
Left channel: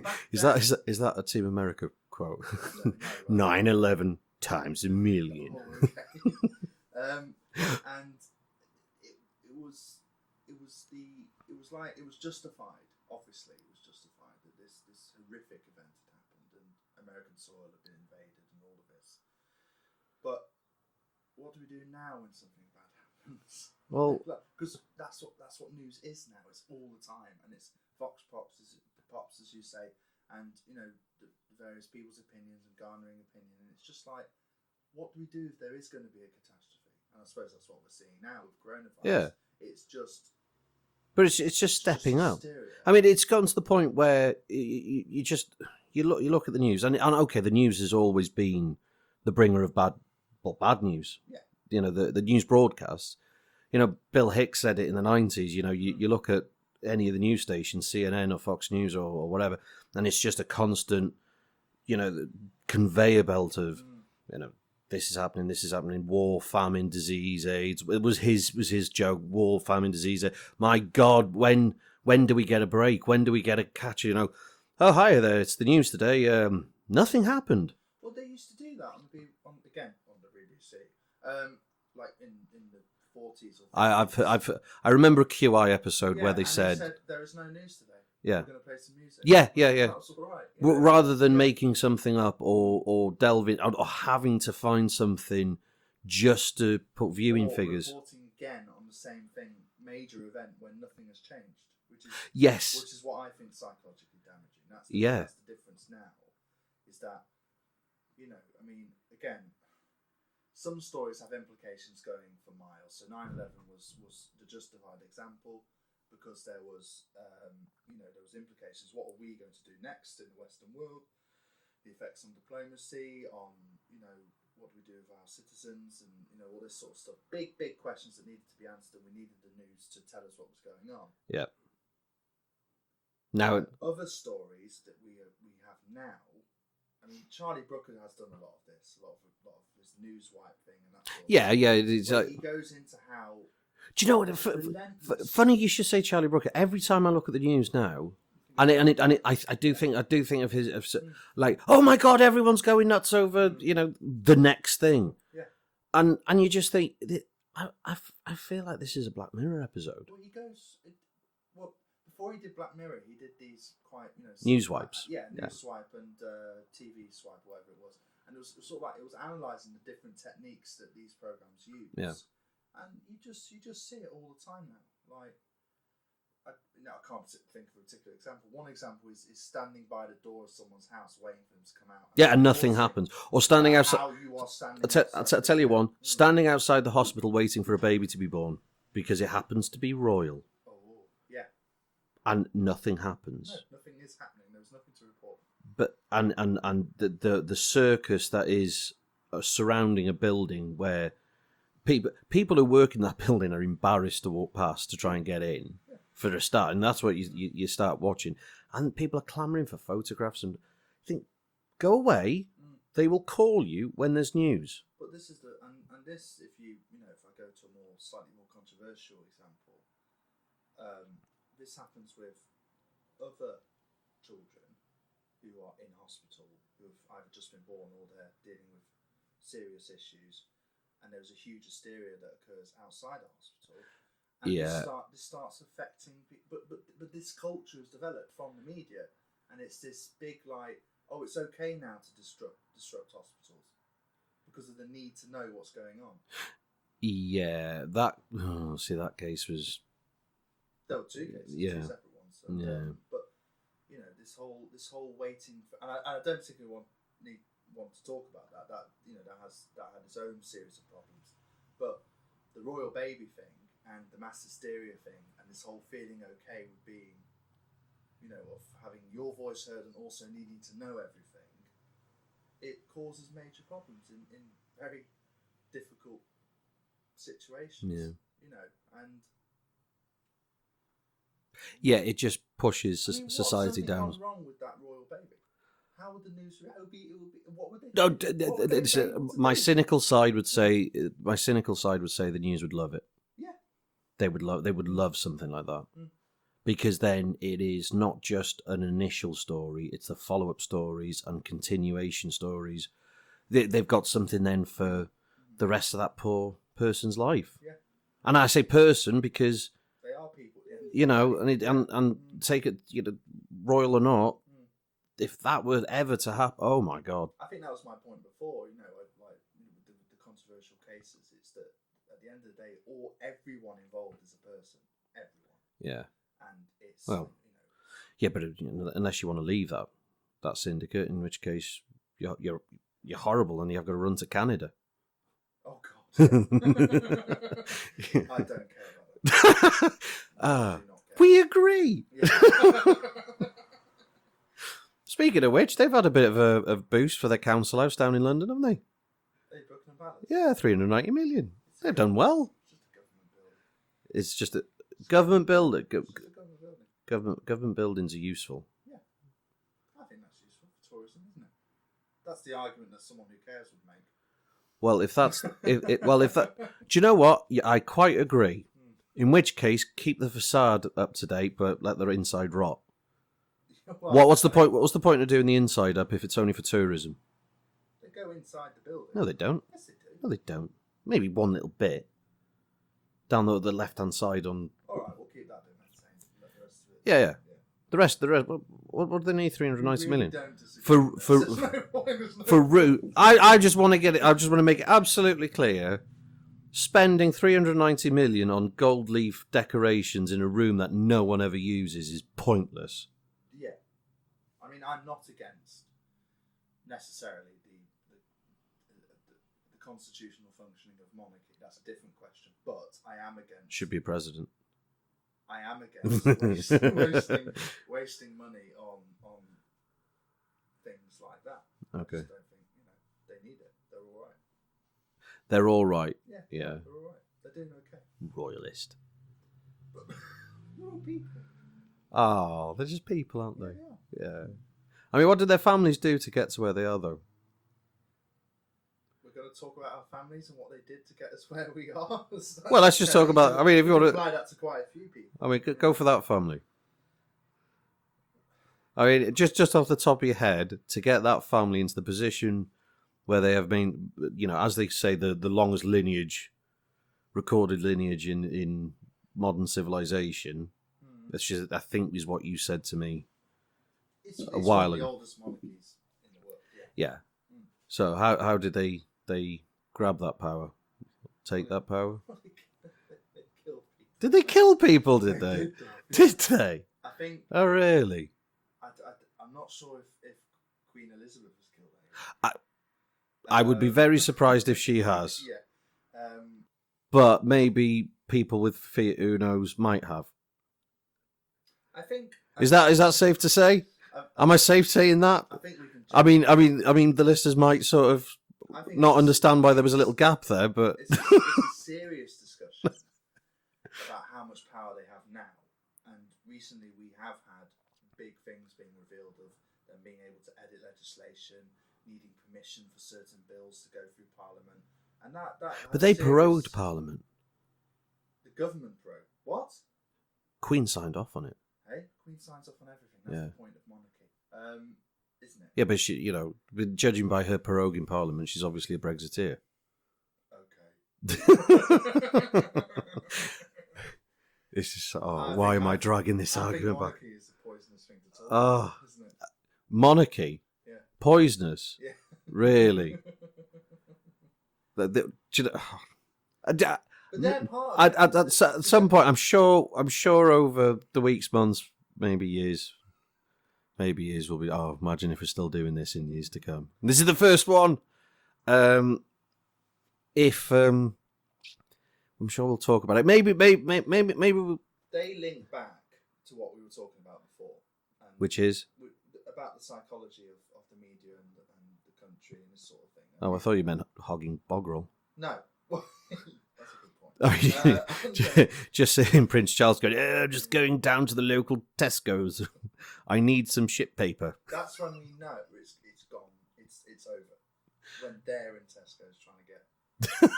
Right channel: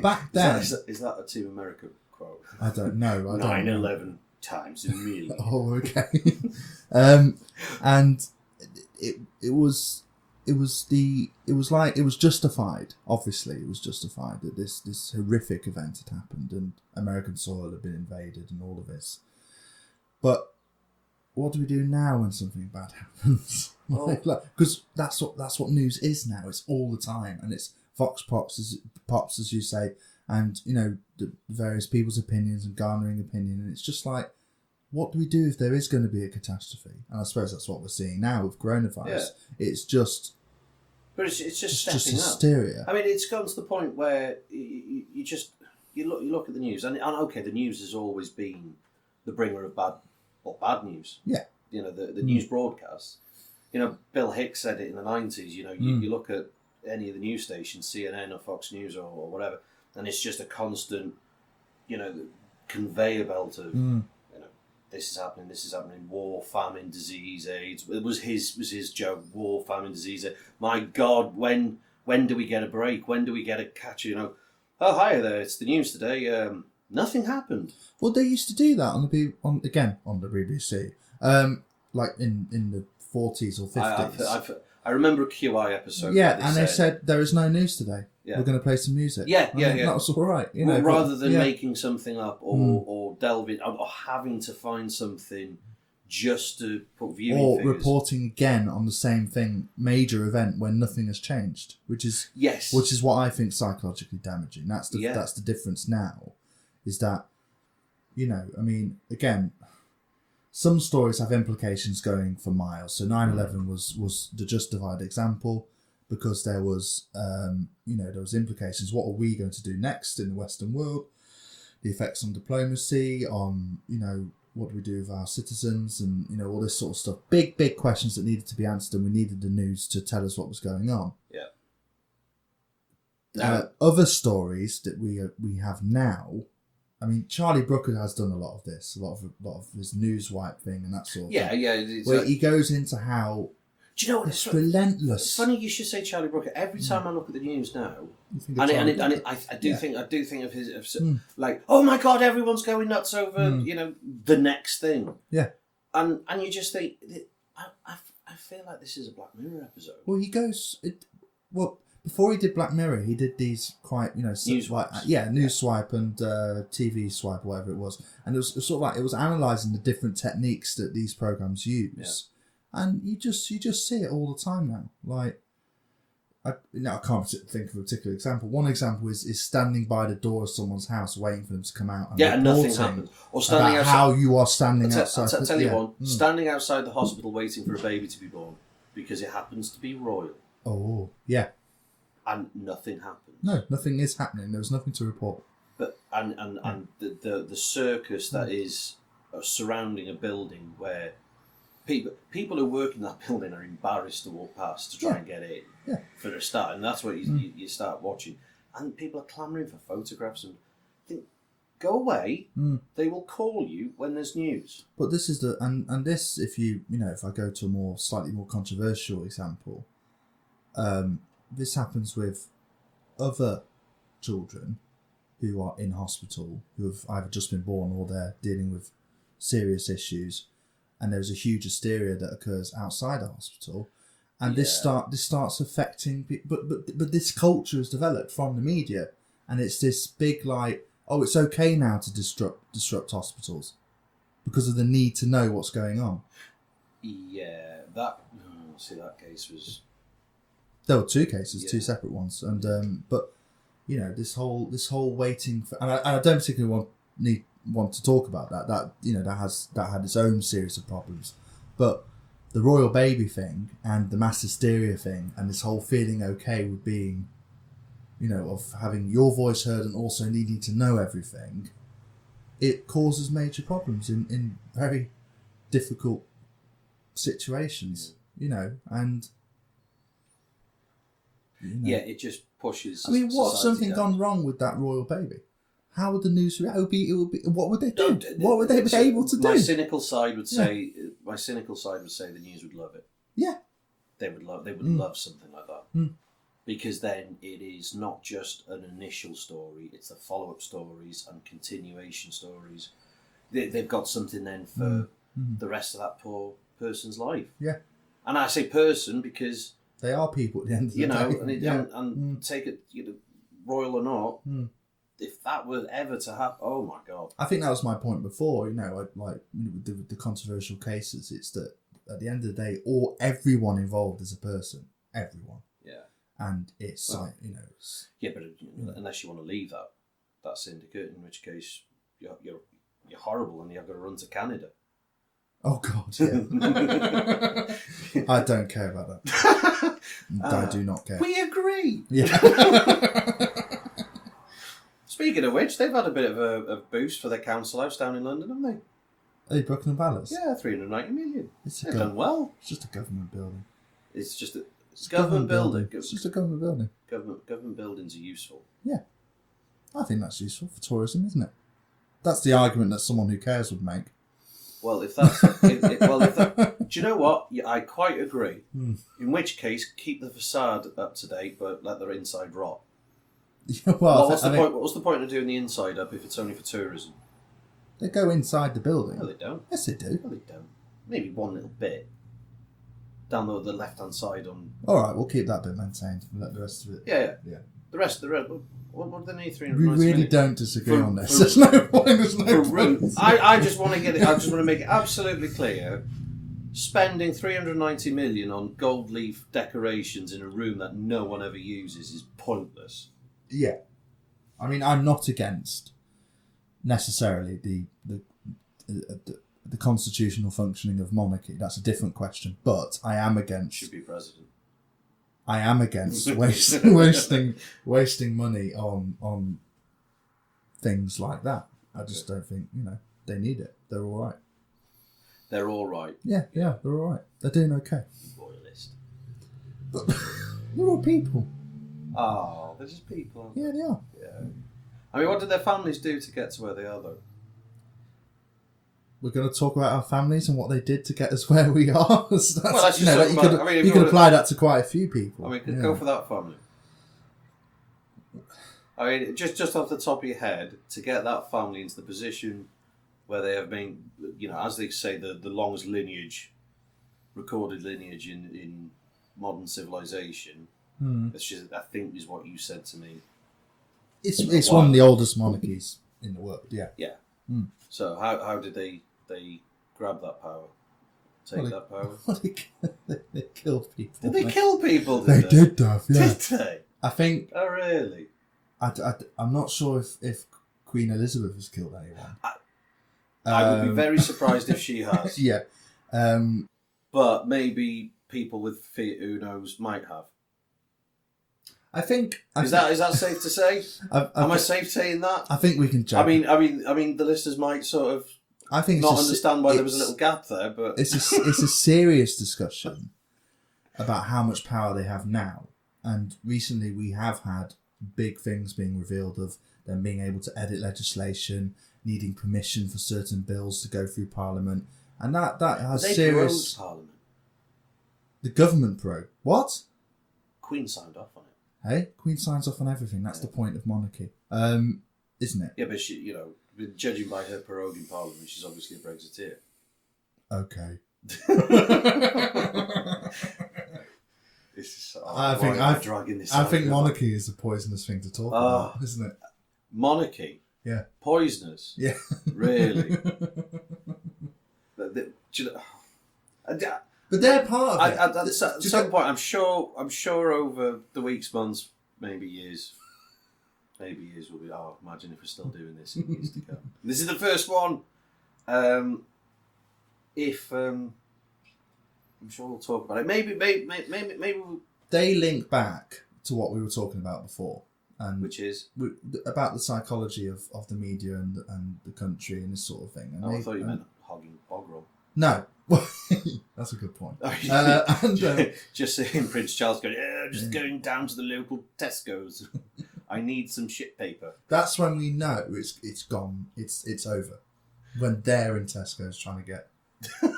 back then, is that a Team America quote? I don't know. 9/11 times a million. Oh, okay. And it was justified. Obviously, it was justified that this horrific event had happened and American soil had been invaded and all of this. But what do we do now when something bad happens? Because that's what news is now. It's all the time, and it's Vox pops, as you say, and the various people's opinions and garnering opinion, and it's just like, what do we do if there is going to be a catastrophe? And I suppose that's what we're seeing now with coronavirus. Yeah. It's just. But it's just stepping up. Hysteria. I mean, it's gotten to the point where you look at the news, and okay, the news has always been the bringer of bad news. Yeah. The news broadcasts. Bill Hicks said it in the 90s. You look at any of the news stations, CNN or Fox News or whatever, and it's just a constant, conveyor belt of, this is happening, war, famine, disease, AIDS. It was his joke, war, famine, disease. My God, when do we get a break? When do we get a catch? Oh, hi there, it's the news today. Nothing happened. Well, they used to do that on the BBC, like in the 40s or 50s. I remember a QI episode where and they said there is no news today. Yeah. We're going to play some music. Yeah. That was all right. Rather than making something up or delving or having to find something just to put viewing figures. Or reporting again on the same thing, major event when nothing has changed, which is what I think psychologically damaging. That's the difference now, is that, again, some stories have implications going for miles. So 9/11 was the justified example because there was there was implications. What are we going to do next in the Western world? The effects on diplomacy, on what do we do with our citizens, and all this sort of stuff. Big questions that needed to be answered, and we needed the news to tell us what was going on. Yeah. Now, other stories that we have now. I mean, Charlie Brooker has done a lot of this, a lot of his news wipe thing and that sort of thing. Yeah. He goes into how. Do you know what? It's relentless. Funny you should say Charlie Brooker. Every time I look at the news now, I do think of his like, oh my God, everyone's going nuts over the next thing. Yeah, and you just think, I feel like this is a Black Mirror episode. Well, before he did Black Mirror, he did these quite news swipes. News swipe and TV swipe, whatever it was, and it was sort of like it was analysing the different techniques that these programs use. Yeah. And you just see it all the time now. Like, I can't think of a particular example. One example is standing by the door of someone's house waiting for them to come out. And nothing happens. Or standing outside. How you are standing outside. I'll tell you one. Standing outside the hospital waiting for a baby to be born because it happens to be royal. Oh, yeah. And nothing happens. No, nothing is happening. There's nothing to report. But and the circus that is surrounding a building where people who work in that building are embarrassed to walk past to try and get in for a start, and that's what you start watching, and people are clamouring for photographs and think, go away. They will call you when there's news. But this is this, if if I go to a slightly more controversial example, this happens with other children who are in hospital, who have either just been born or they're dealing with serious issues. And there's a huge hysteria that occurs outside the hospital, and this starts affecting. But this culture is developed from the media, and it's this big it's okay now to disrupt hospitals because of the need to know what's going on. Yeah, that case was. There were two cases, two separate ones, and but this whole waiting for, and I don't particularly want to talk about that that had its own series of problems, but the royal baby thing and the mass hysteria thing and this whole feeling okay with being of having your voice heard and also needing to know everything, it causes major problems in very difficult situations. And it just pushes. I mean, what's something down. gone wrong with that royal baby? How would the news react? What would they do? What would they be able to do? My cynical side would say the news would love it. Yeah, they would love something like that because then it is not just an initial story; it's the follow-up stories and continuation stories. They've got something then for the rest of that poor person's life. Yeah, and I say person because they are people at the end of the day. And take it, royal or not. If that were ever to happen, oh my God! I think that was my point before. With the controversial cases, it's that at the end of the day, everyone involved is a person. Everyone. Yeah. And it's Yeah, but unless you want to leave that syndicate, in which case you're horrible and you've got to run to Canada. Oh God! Yeah. I don't care about that. I do not care. We agree. Yeah. Speaking of which, they've had a bit of a boost for their council house down in London, haven't they? Hey, Buckingham Palace? Yeah, 390 million. They've done well. It's just a government building. It's just a government building. It's just a government building. Government buildings are useful. Yeah. I think that's useful for tourism, isn't it? That's the argument that someone who cares would make. Well, if that's... do you know what? Yeah, I quite agree. In which case, keep the facade up to date, but let the inside rot. Well, what's the point? What's the point of doing the inside up if it's only for tourism? They go inside the building. No, they don't. Yes, they do. No, they don't. Maybe one little bit down the left-hand side on. All right, we'll keep that bit maintained and let the rest of it. Yeah. Yeah. The rest. What do they need? 390 We really million. don't disagree on this. For- There's no point. There's no For point. route, I just want to get it. I just want to make it absolutely clear. Spending 390 million on gold leaf decorations in a room that no one ever uses is pointless. Yeah, I mean, I'm not against necessarily the constitutional functioning of monarchy. That's a different question. But I am against. Should be a president. I am against wasting money on things like that. I just don't think they need it. They're all right. They're all right. Yeah, they're all right. They're doing okay. Royalist. But they're all people. Oh, they're just people, aren't they? Yeah, they are. Yeah. I mean, what did their families do to get to where they are, though? We're going to talk about our families and what they did to get us where we are. Let's just talk about. If you can apply that to quite a few people. I mean, go for that family. I mean, just off the top of your head, to get that family into the position where they have been, as they say, the longest recorded lineage in modern civilization. It's just, I think, is what you said to me. It's one of the oldest monarchies in the world. Yeah. Yeah. So how did they grab that power? That power? They killed people. Did they kill people? They did, Duff. Yeah. Did they? I think. Oh, really? I'm not sure if Queen Elizabeth has killed anyone. I would be very surprised if she has. Yeah. But maybe people with feet, who knows, might have. I think. Is that safe to say? Am I safe saying that? I think we can judge. I mean, the listeners might sort of. I think not understand why there was a little gap there, but it's a serious discussion about how much power they have now. And recently, we have had big things being revealed of them being able to edit legislation, needing permission for certain bills to go through Parliament, and that has. But they serious... prorogued Parliament. The government prorogued what? Queen signed off on it. Hey, Queen signs off on everything. That's the point of monarchy, isn't it? Yeah, but she, judging by her proroguing Parliament, she's obviously a Brexiteer. Okay. This is why am I dragging this? I think monarchy is a poisonous thing to talk about, isn't it? Monarchy. Yeah. Poisonous. Yeah. Really. But they're part of it. At some point, I'm sure over the weeks, months, maybe years will be. Oh, imagine if we're still doing this in years to come. This is the first one. I'm sure we'll talk about it. Maybe we'll... They link back to what we were talking about before, and which is about the psychology of the media and the country and this sort of thing. And I thought you meant hogging Bogrel. No, that's a good point. Just saying, Prince Charles going, just going down to the local Tesco's. I need some shit paper. That's when we know it's gone. It's over. When they're in Tesco's trying to get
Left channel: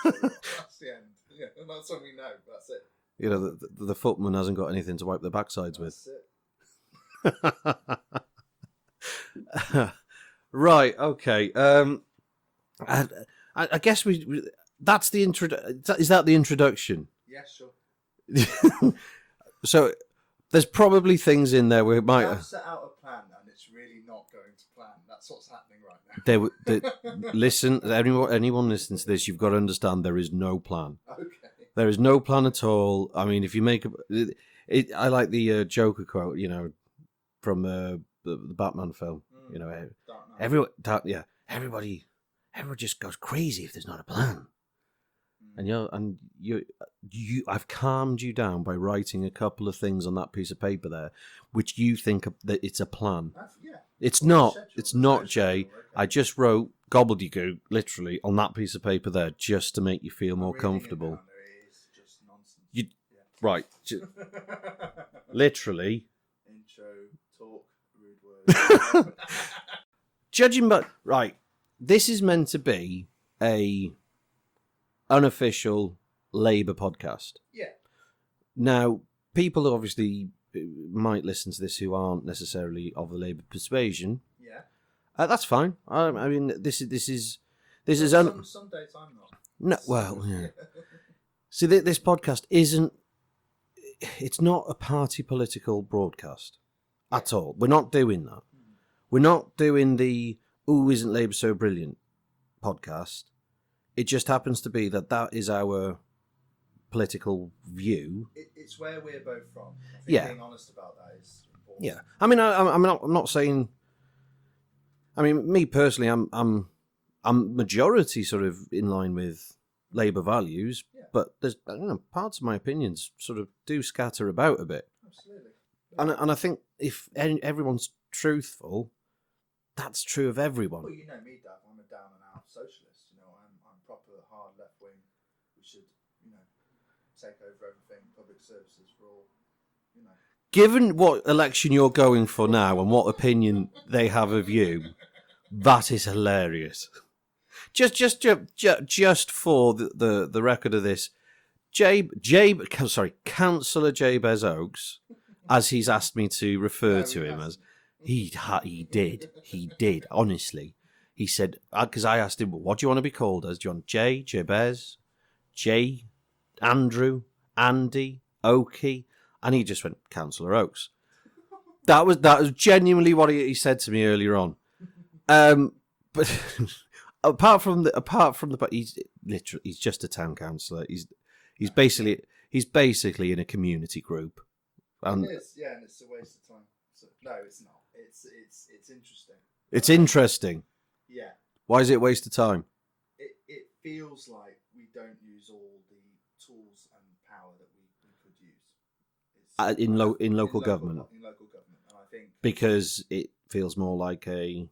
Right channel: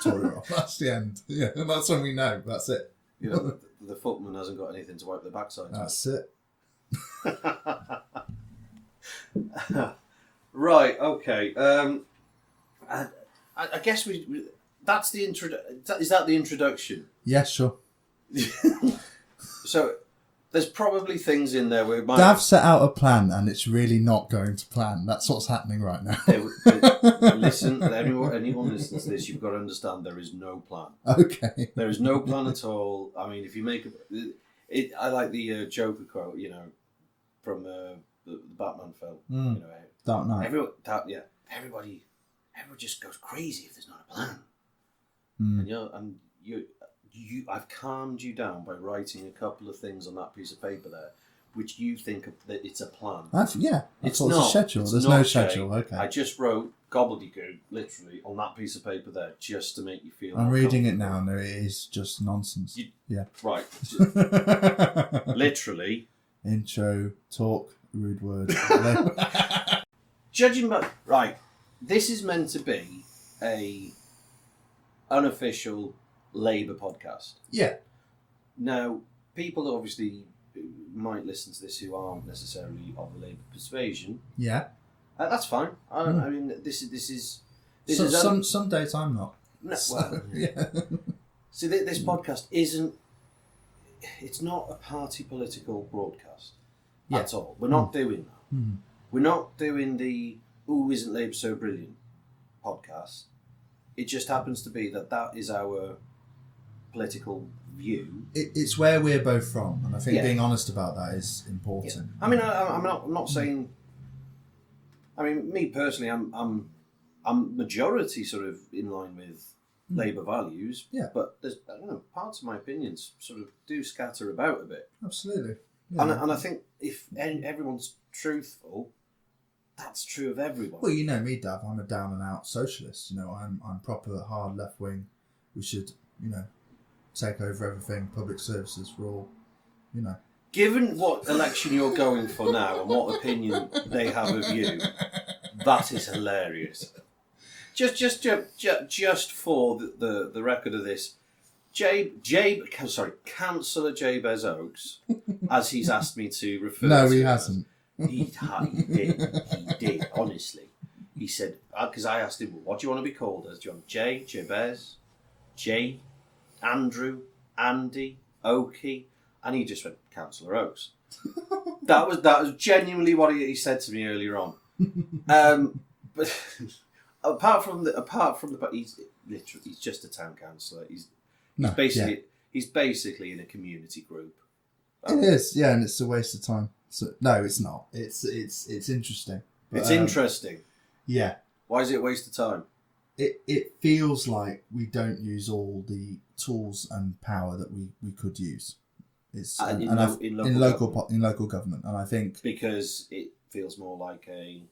toilet roll. That's the end. Yeah, and that's when we know. That's it. The footman hasn't got anything to wipe their backsides with. That's it. Right. Okay. I guess we. That's the intro. Is that the introduction? Yeah, sure. So there's probably things in there where it might. Dav set out a plan and it's really not going to plan. That's what's happening right now. Listen, anyone listening to this, you've got to understand there is no plan. Okay. There is no plan at all. I mean, if you make I like the Joker quote, from the Batman film. Dark Knight. Everybody just goes crazy if there's not a plan. And I've calmed you down by writing a couple of things on that piece of paper there, which you think that it's a plan. It's not. It's not, Jay. Okay. I just wrote gobbledygook literally on that piece of paper there just to make you feel more comfortable. I'm reading it now, and it is just nonsense. Right. Literally. Intro, talk, rude words. Judging by... Right. This is meant to be a unofficial Labour podcast. Yeah. Now, people obviously might listen to this who aren't necessarily of the Labour persuasion, Yeah. that's fine. I mean, this is some days I'm not. No, well, yeah. See, this podcast isn't. It's not a party political broadcast at all. We're not doing that. We're not doing the "Ooh, isn't Labour so brilliant" podcast. It just happens to be that is our political view. It's where we're both from, and I think being honest about that is important. Yeah. I mean, I'm not saying. I mean, me personally, I'm majority sort of in line with Labour values, but there's parts of my opinions sort of do scatter about a bit. Absolutely. Yeah. And I think if everyone's truthful, that's true of everyone. Well, you know me, Dav. I'm a down and out socialist. You know, I'm proper hard left wing. We should, take over everything. Public services for all. Given what election you're going for now and what opinion they have of you, that is hilarious. Just for the record of this, Councillor Jabez Oakes, as he's asked me to refer to him. No, he hasn't. He did, honestly. He said, because I asked him, what do you want to be called as? Do you want Jabez, J, Andrew, Andy, Oakey? And he just went, Councillor Oakes. That was genuinely what he said to me earlier on. But apart from the he's just a town councillor. He's basically in a community group. It is, yeah, and it's a waste of time. So, no, it's not. It's interesting. It's interesting. Yeah. Why is it a waste of time? It feels like we don't use all the tools and power that we could use. It's in local government, and I think because it feels more like I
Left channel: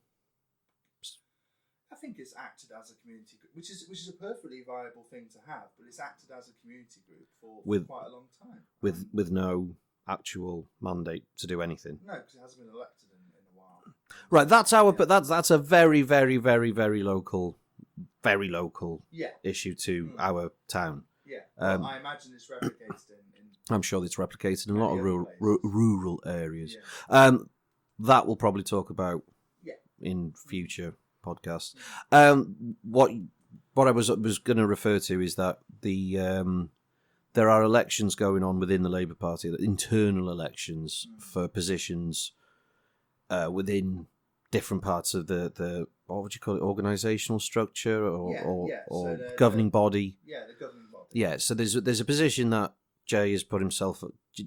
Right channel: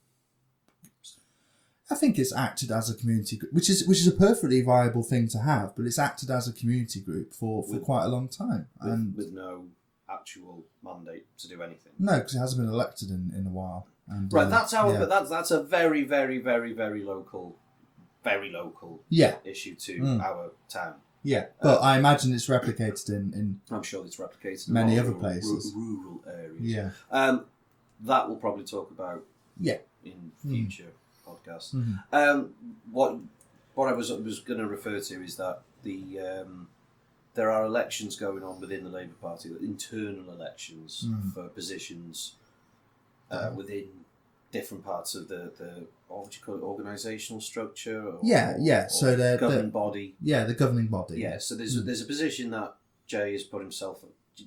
think it's acted as a community group, which is a perfectly viable thing to have, but it's acted as a community group for quite a long time, with no actual mandate to do anything. No, because it hasn't been elected in a while. And, right, but that's a very, very, very, very local issue to our town. Yeah, but I imagine it's replicated in I'm sure it's replicated in many a lot other of places. rural areas. Yeah. That we'll probably talk about in future podcasts. What I was going to refer to is that there are elections going on within the Labour Party, internal elections for positions within different parts of the what would you call it, organisational structure or so the governing body. Yeah, the governing body. Yeah, so there's a position that Jay has put himself.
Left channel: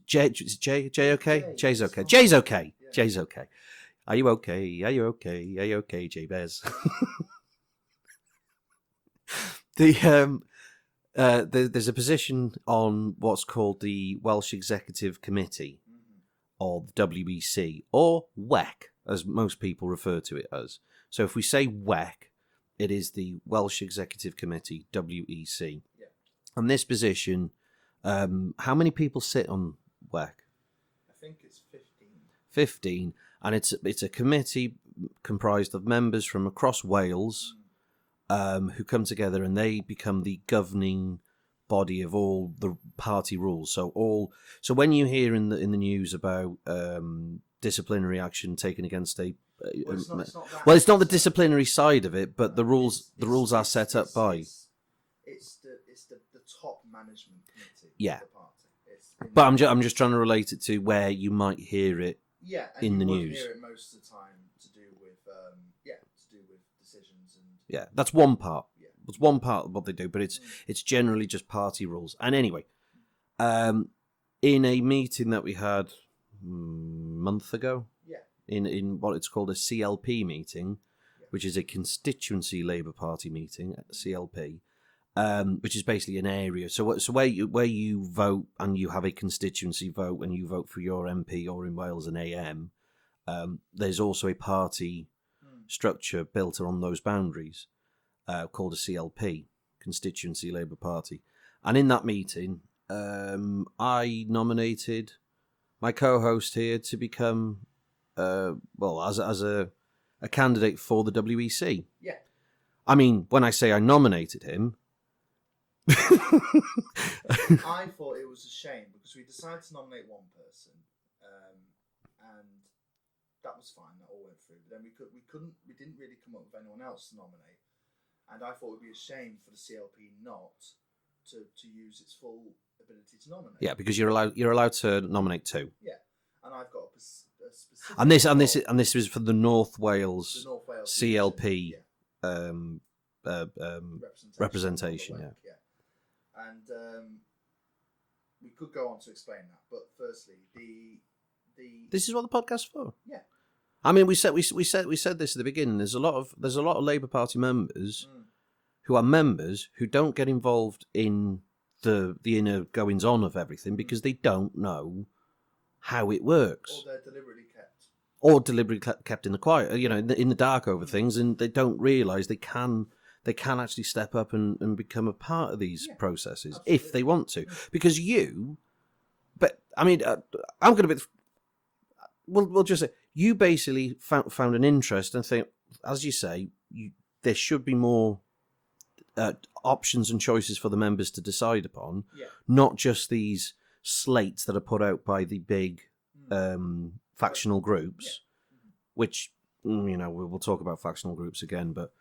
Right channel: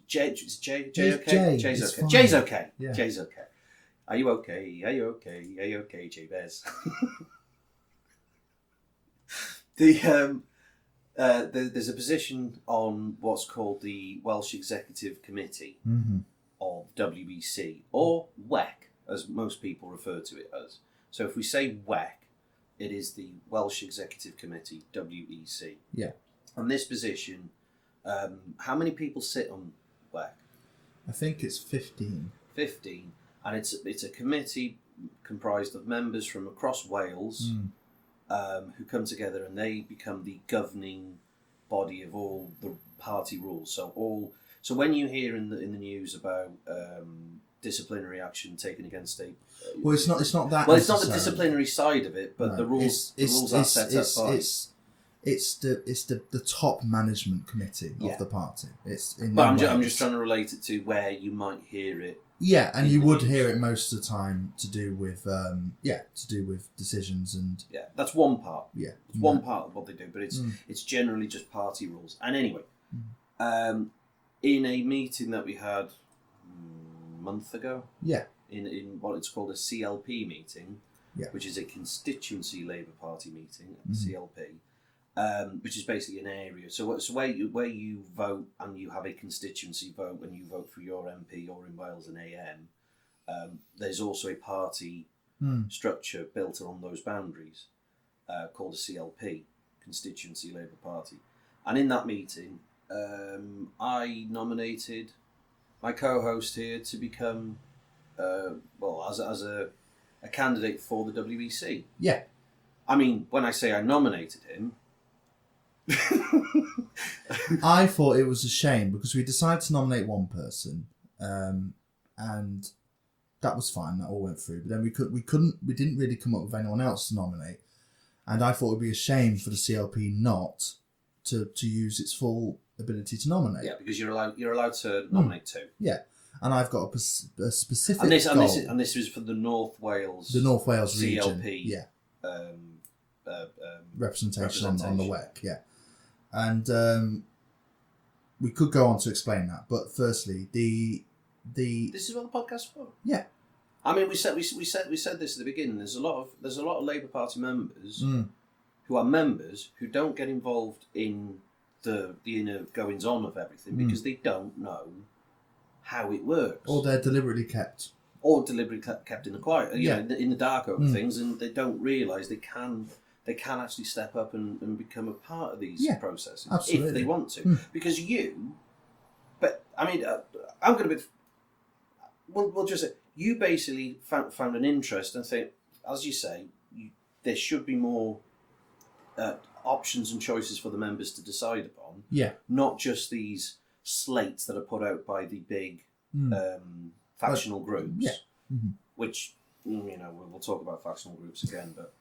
Jay okay? Jay's okay. Jay's okay. Yeah. Jay's okay. Are you okay? Are you okay? Are you okay, Jabez? There's a position on what's called the Welsh Executive Committee of WEC, or WEC, as most people refer to it as. So if we say WEC, it is the Welsh Executive Committee, WEC. Yeah. And this position, how many people sit on WEC? I think it's 15. 15, and it's a committee comprised of members from across Wales who come together and they become the governing body of all the party rules. So when you hear in the news about disciplinary action taken against a well, it's not that. Well, it's not the disciplinary side of it, but the rules are set up by. It's the top management committee of the party. I'm just trying to relate it to where you might hear it. Yeah, and you would hear it most of the time to do with decisions and that's one part. Yeah, it's one part of what they do, but it's generally just party rules. And anyway, in a meeting that we had a month ago, in what it's called a CLP meeting, which is a constituency Labour Party meeting at the CLP. Which is basically an area. So where you vote and you have a constituency vote and you vote for your MP, or in Wales an AM, there's also a party structure built on those boundaries called a CLP, Constituency Labour Party. And in that meeting, I nominated my co-host here to become, as a candidate for the WEC. Yeah. I mean, when I say I nominated him, I thought it was a shame because we decided to nominate one person and that was fine. That all went through. But then we didn't really come up with anyone else to nominate, and I thought it would be a shame for the CLP not to use its full ability to nominate. Yeah, because you're allowed to nominate two. Yeah, and I've got a specific and this goal. is for the North Wales CLP region. Representation on the web. Yeah, and we could go on to explain that, but firstly, the this is what the podcast's for. Yeah, I mean, we said this at the beginning. There's a lot of Labour Party members who are members who don't get involved in the inner goings on of everything because they don't know how it works, or they're deliberately kept kept in the quiet, in the dark over things, and they don't realise they can actually step up and become a part of these processes if they want to. Because I'm going to be. We'll just say you basically found an interest and think, as you say, there should be more options and choices for the members to decide upon. Yeah, not just these slates that are put out by the big factional groups. Yeah, which we'll talk about factional groups again, but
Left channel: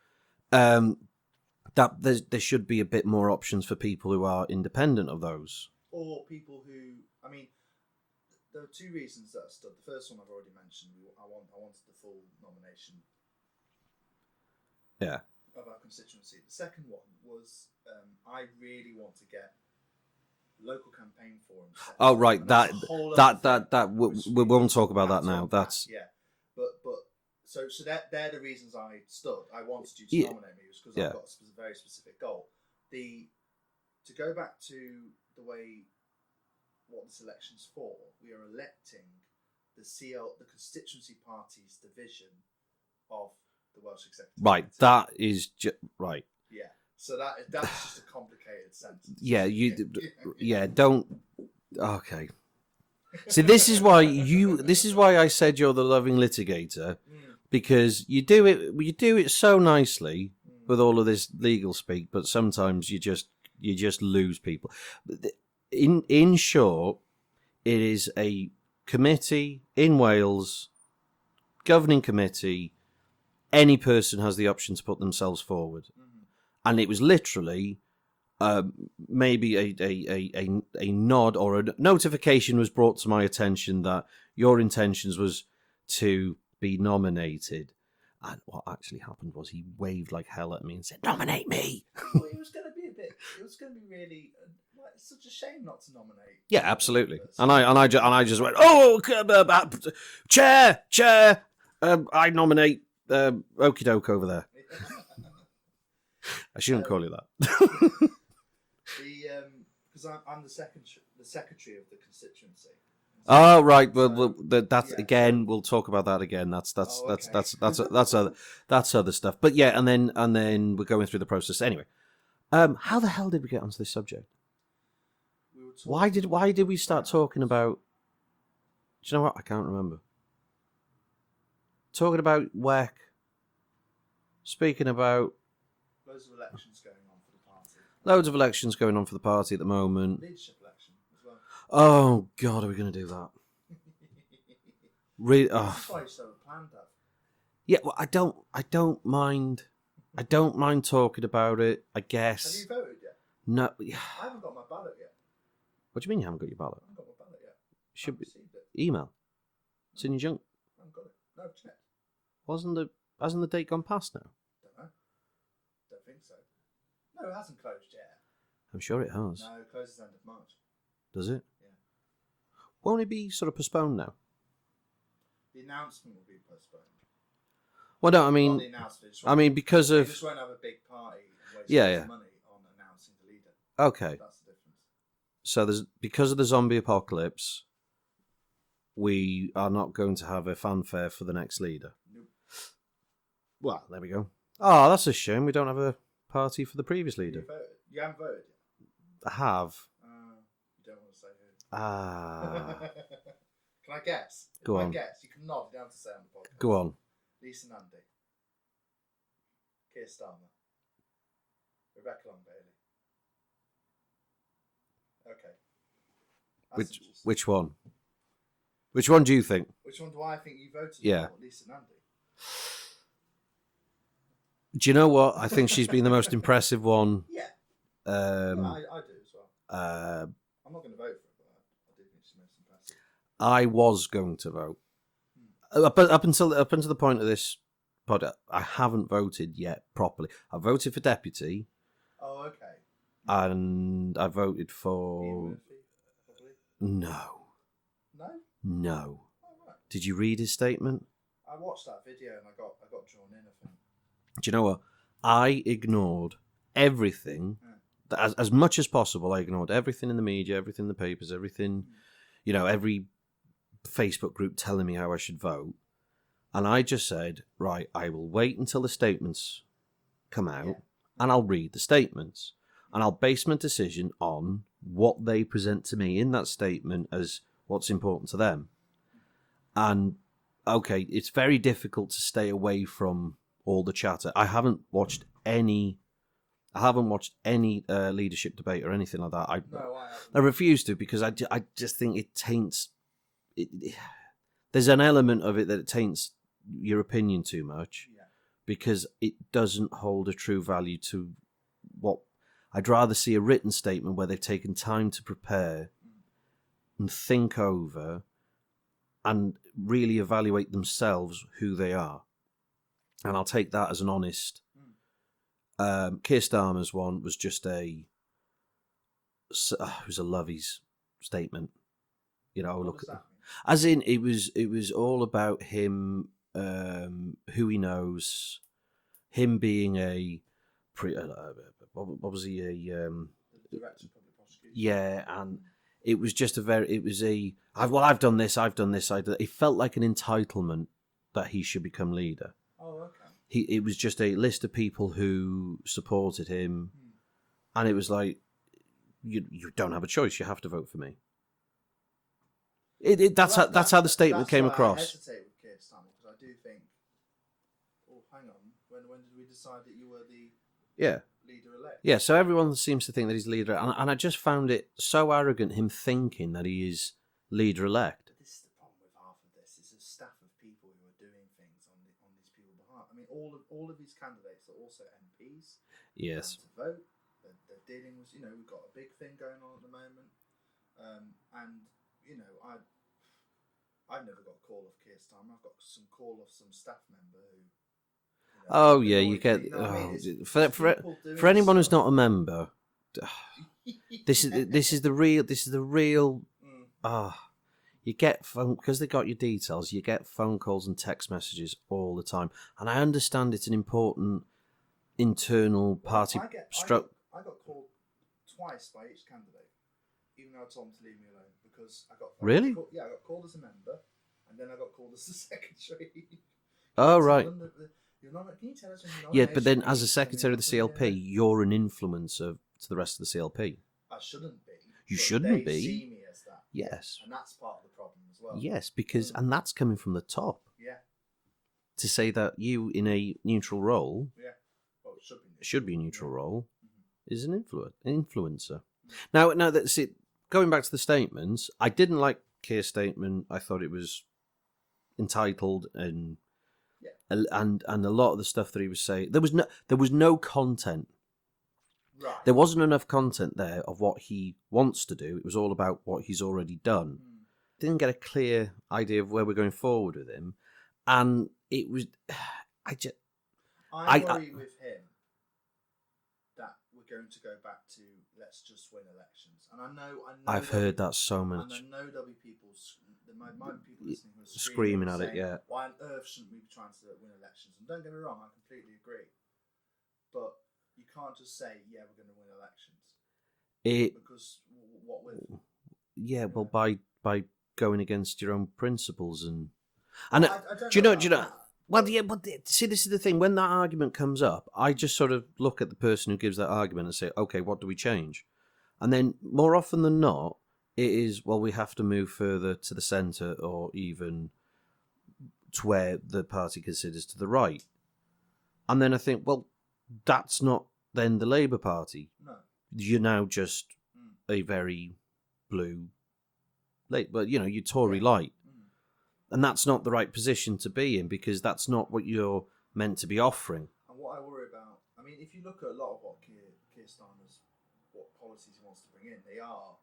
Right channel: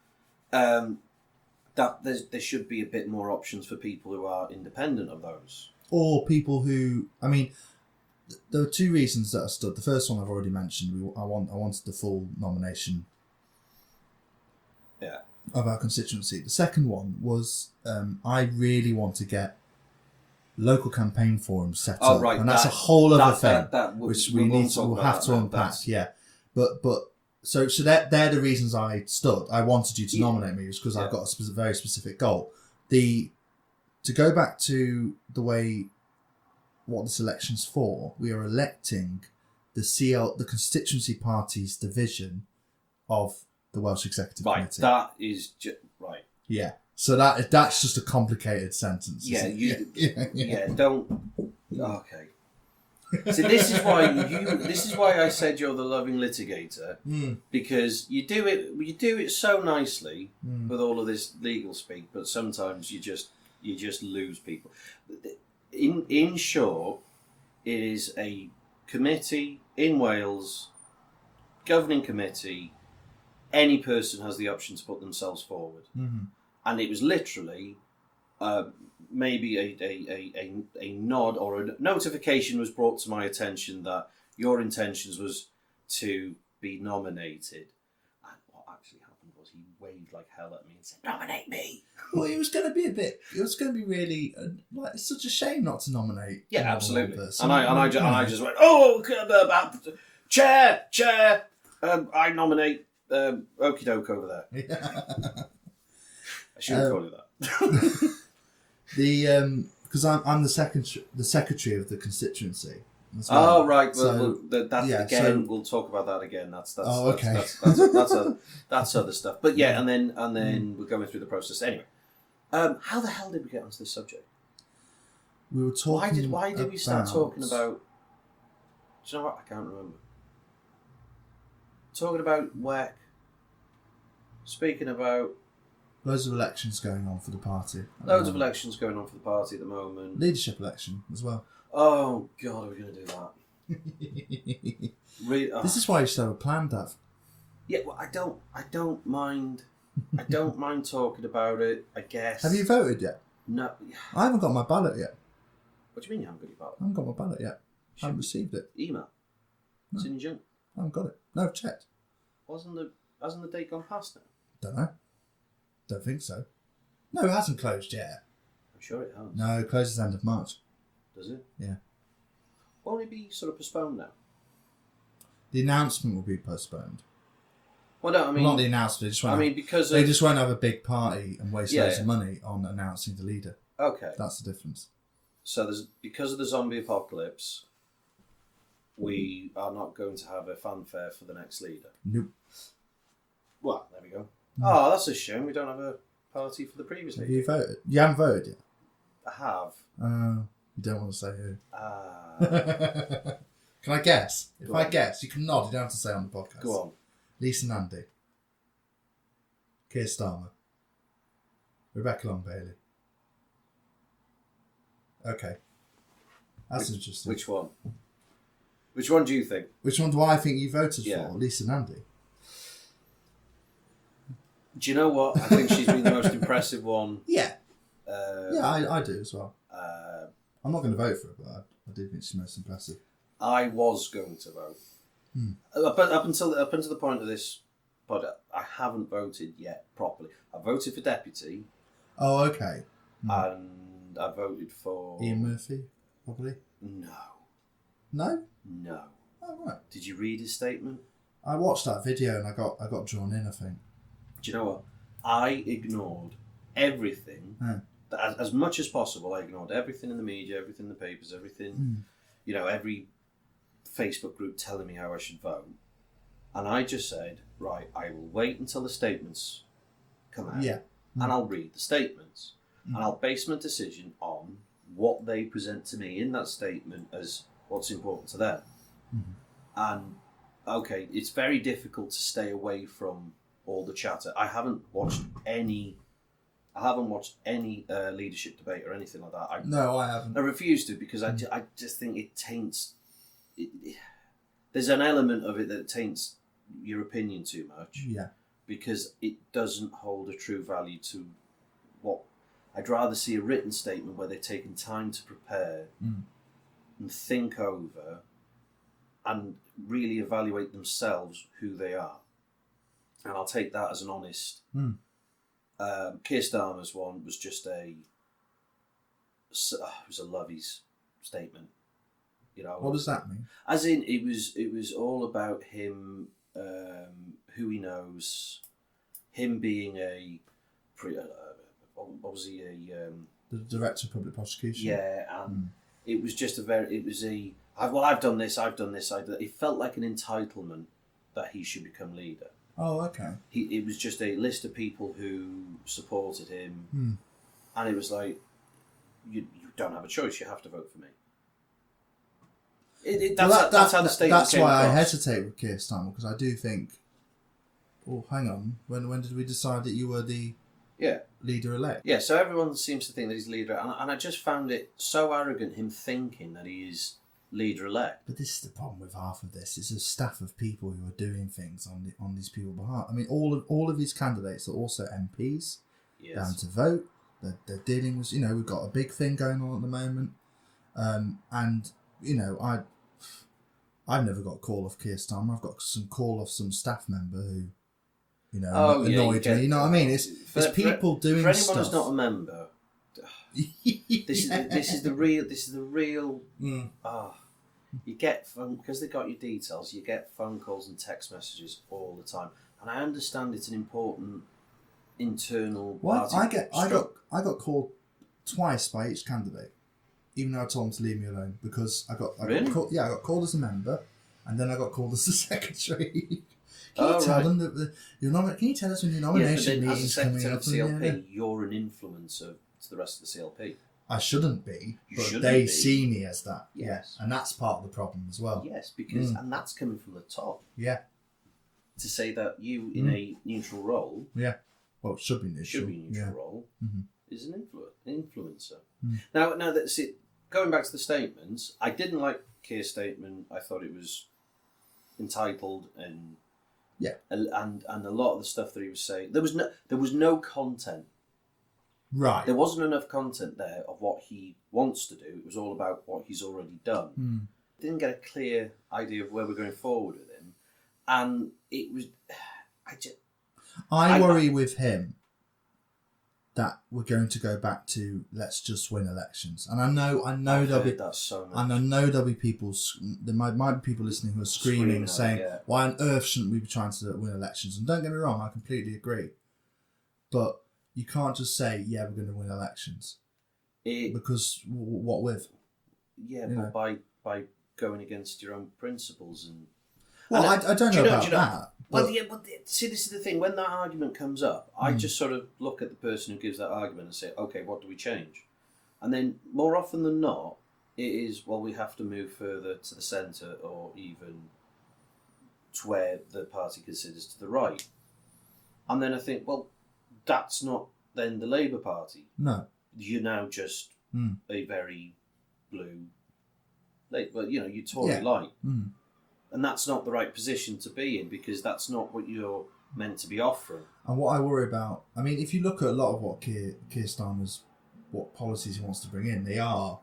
that there should be a bit more options for people who are independent of those, or people who. I mean, there were two reasons that I stood. The first one I've already mentioned. I wanted the full nomination. Yeah. Of our constituency. The second one was I really want to get local campaign forums set up. Oh right, and that's a whole other thing. We won't talk about that now. That's but so they're the reasons I stood. I wanted you to nominate me because I've got a very specific goal. To go back to the way what this election's for, we are electing the constituency party's division of the Welsh Executive Committee. That is right. Yeah. So that's just a complicated sentence. Yeah, don't. Okay. See, this is why I said you're the loving litigator, because you do it so nicely with all of this legal speak, but sometimes you just lose people. In short, it is a committee in Wales, governing committee. Any person has the option to put themselves forward, and it was literally maybe a nod or a notification was brought to my attention that your intentions was to be nominated. And what actually happened was he waved like hell at me and said, "Nominate me." Well, it was going to be really it's such a shame not to nominate. Yeah, absolutely. And I just went, "Oh, chair, I nominate Okie doke over there." I shouldn't call you that. Because I'm the secretary of the constituency. Well. Oh right, we'll talk about that again. That's other stuff. But yeah, and then we're going through the process anyway. How the hell did we get onto this subject? We were talking. Why did we start talking about? Do you know what? I can't remember. Talking about WEC. Speaking about. Loads of elections going on for the party. Loads of elections going on for the party at the moment. Leadership election as well. Oh God, are we going to do that? This is why you should have a plan, Dav. Yeah, well, I don't mind. I don't mind talking about it. I guess. Have you voted yet? No. I haven't got my ballot yet. What do you mean you haven't got your ballot? I haven't got my ballot yet. I haven't received it. Email. No. It's in your junk. I haven't got it. No, I've checked. Hasn't the date gone past now? Don't know. Don't think so. No, it hasn't closed yet. I'm sure it has. No, it closes end of March. Does it? Yeah. Won't it be sort of postponed now? The announcement will be postponed. Well, no, I mean... Not the announcement. They just won't have a big party and waste loads of money on announcing the leader. Okay. That's the difference. So because of the zombie apocalypse, we are not going to have a fanfare for the next leader. Nope. Well, there we go. Oh, that's a shame. We don't have a party for the previous leader. You voted? You haven't voted yet? I have. You don't want to say who. Can I guess? Go if on. I guess, you can nod. You don't have to say on the podcast. Go on. Lisa Nandy. Keir Starmer. Rebecca Long Bailey. Okay. That's interesting. Which one? Which one do you think? Which one do I think you voted Yeah. for? Lisa Nandy. Do you know what? I think she's been the most impressive one. Yeah. I do as well. I'm not going to vote for her, but I do think she's most impressive. I was going to vote. Up until the point of this pod, I haven't voted yet properly. I voted for deputy. Oh, okay. And I voted for Ian Murphy, probably. No. No. No. Oh, right. Did you read his statement? I watched that video and I got drawn in, I think. Do you know what? I ignored everything. As much as possible, I ignored everything in the media, everything in the papers, everything, every Facebook group telling me how I should vote. And I just said, right, I will wait until the statements come out and I'll read the statements. And I'll base my decision on what they present to me in that statement as what's important to them. And, okay, it's very difficult to stay away from all the chatter. I haven't watched any leadership debate or anything like that. No, I haven't. I refuse to because I just think it taints... there's an element of it that it taints your opinion too much. Yeah. Because it doesn't hold a true value to what... I'd rather see a written statement where they've taken time to prepare and think over and really evaluate themselves who they are. And I'll take that as an honest... Keir Starmer's one was just it was a Lovey's statement. What does that mean? As in, it was all about him, who he knows, him being what was he The Director of Public Prosecution. Yeah, and it was just I've done this. It felt like an entitlement that he should become leader. Oh, okay. It was just a list of people who supported him, and it was like, you don't have a choice. You have to vote for me. That's how the statement came across. That's why I hesitate with Keir Starmer, because I do think. Oh, hang on. When did we decide that you were the leader-elect? Yeah. So everyone seems to think that he's leader, and I just found it so arrogant him thinking that he is leader-elect. But this is the problem with half of this. It's a staff of people who are doing things on these people's behalf. I mean, all of his candidates are also MPs. Yes. Down to vote. They're dealing with, we've got a big thing going on at the moment. And, I've never got a call off Keir Starmer. I've got some call off some staff member who, annoyed me. You know what I mean? It's people doing for anyone stuff. who's not a member. This is the real. You get phone because they got your details. You get phone calls and text messages all the time, and I understand it's an important internal party. I got called twice by each candidate, even though I told them to leave me alone because I got called as a member, and then I got called as the secretary. Can you tell us when your nomination? Yeah, but then as a secretary of the CLP, you're an influencer to the rest of the CLP. I shouldn't be. They see me as that. Yes. And that's part of the problem as well. Yes, because and that's coming from the top. Yeah. To say that you in a neutral role. Yeah. Well, it should be neutral. Should be a neutral role. Is an influencer. Now that's it. Going back to the statements, I didn't like Keir's statement. I thought it was entitled and and a lot of the stuff that he was saying, there was no content. Right. There wasn't enough content there of what he wants to do. It was all about what he's already done. Didn't get a clear idea of where we're going forward with him, and it was. I worry with him that we're going to go back to let's just win elections, and I know I've heard that so much, and I know there'll be people. There might be people listening who are screaming saying, "Why on earth shouldn't we be trying to win elections?" And don't get me wrong, I completely agree, but you can't just say, "Yeah, we're going to win elections," because what with? Yeah, but by going against your own principles and. Well, I don't know about that. Well, but see, this is the thing. When that argument comes up, I just sort of look at the person who gives that argument and say, okay, what do we change? And then more often than not, it is, well, we have to move further to the centre or even to where the party considers to the right. And then I think, well, that's not then the Labour Party. No. You're now just a very blue but you're Tory light, and that's not the right position to be in because that's not what you're meant to be offering. And what I worry about, I mean, if you look at a lot of what Keir Starmer's, what policies he wants to bring in, they are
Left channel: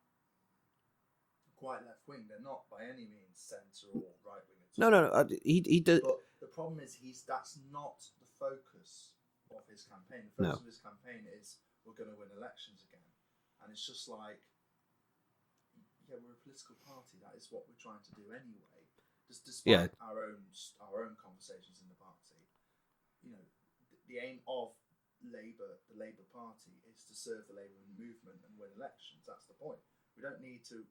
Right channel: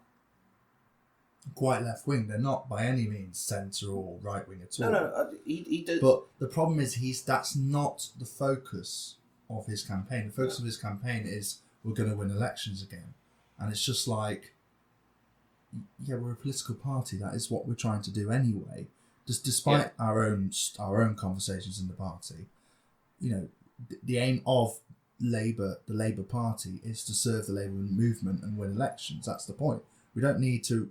quite left wing. They're not by any means centre or right wing at all. No, he did. But the problem is that's not the focus of his campaign. The focus of his campaign is we're going to win elections again, and it's just like, yeah, we're a political party. That is what we're trying to do anyway. Just despite our own conversations in the party, the aim of Labour, the Labour Party, is to serve the Labour movement and win elections. That's the point. We don't need to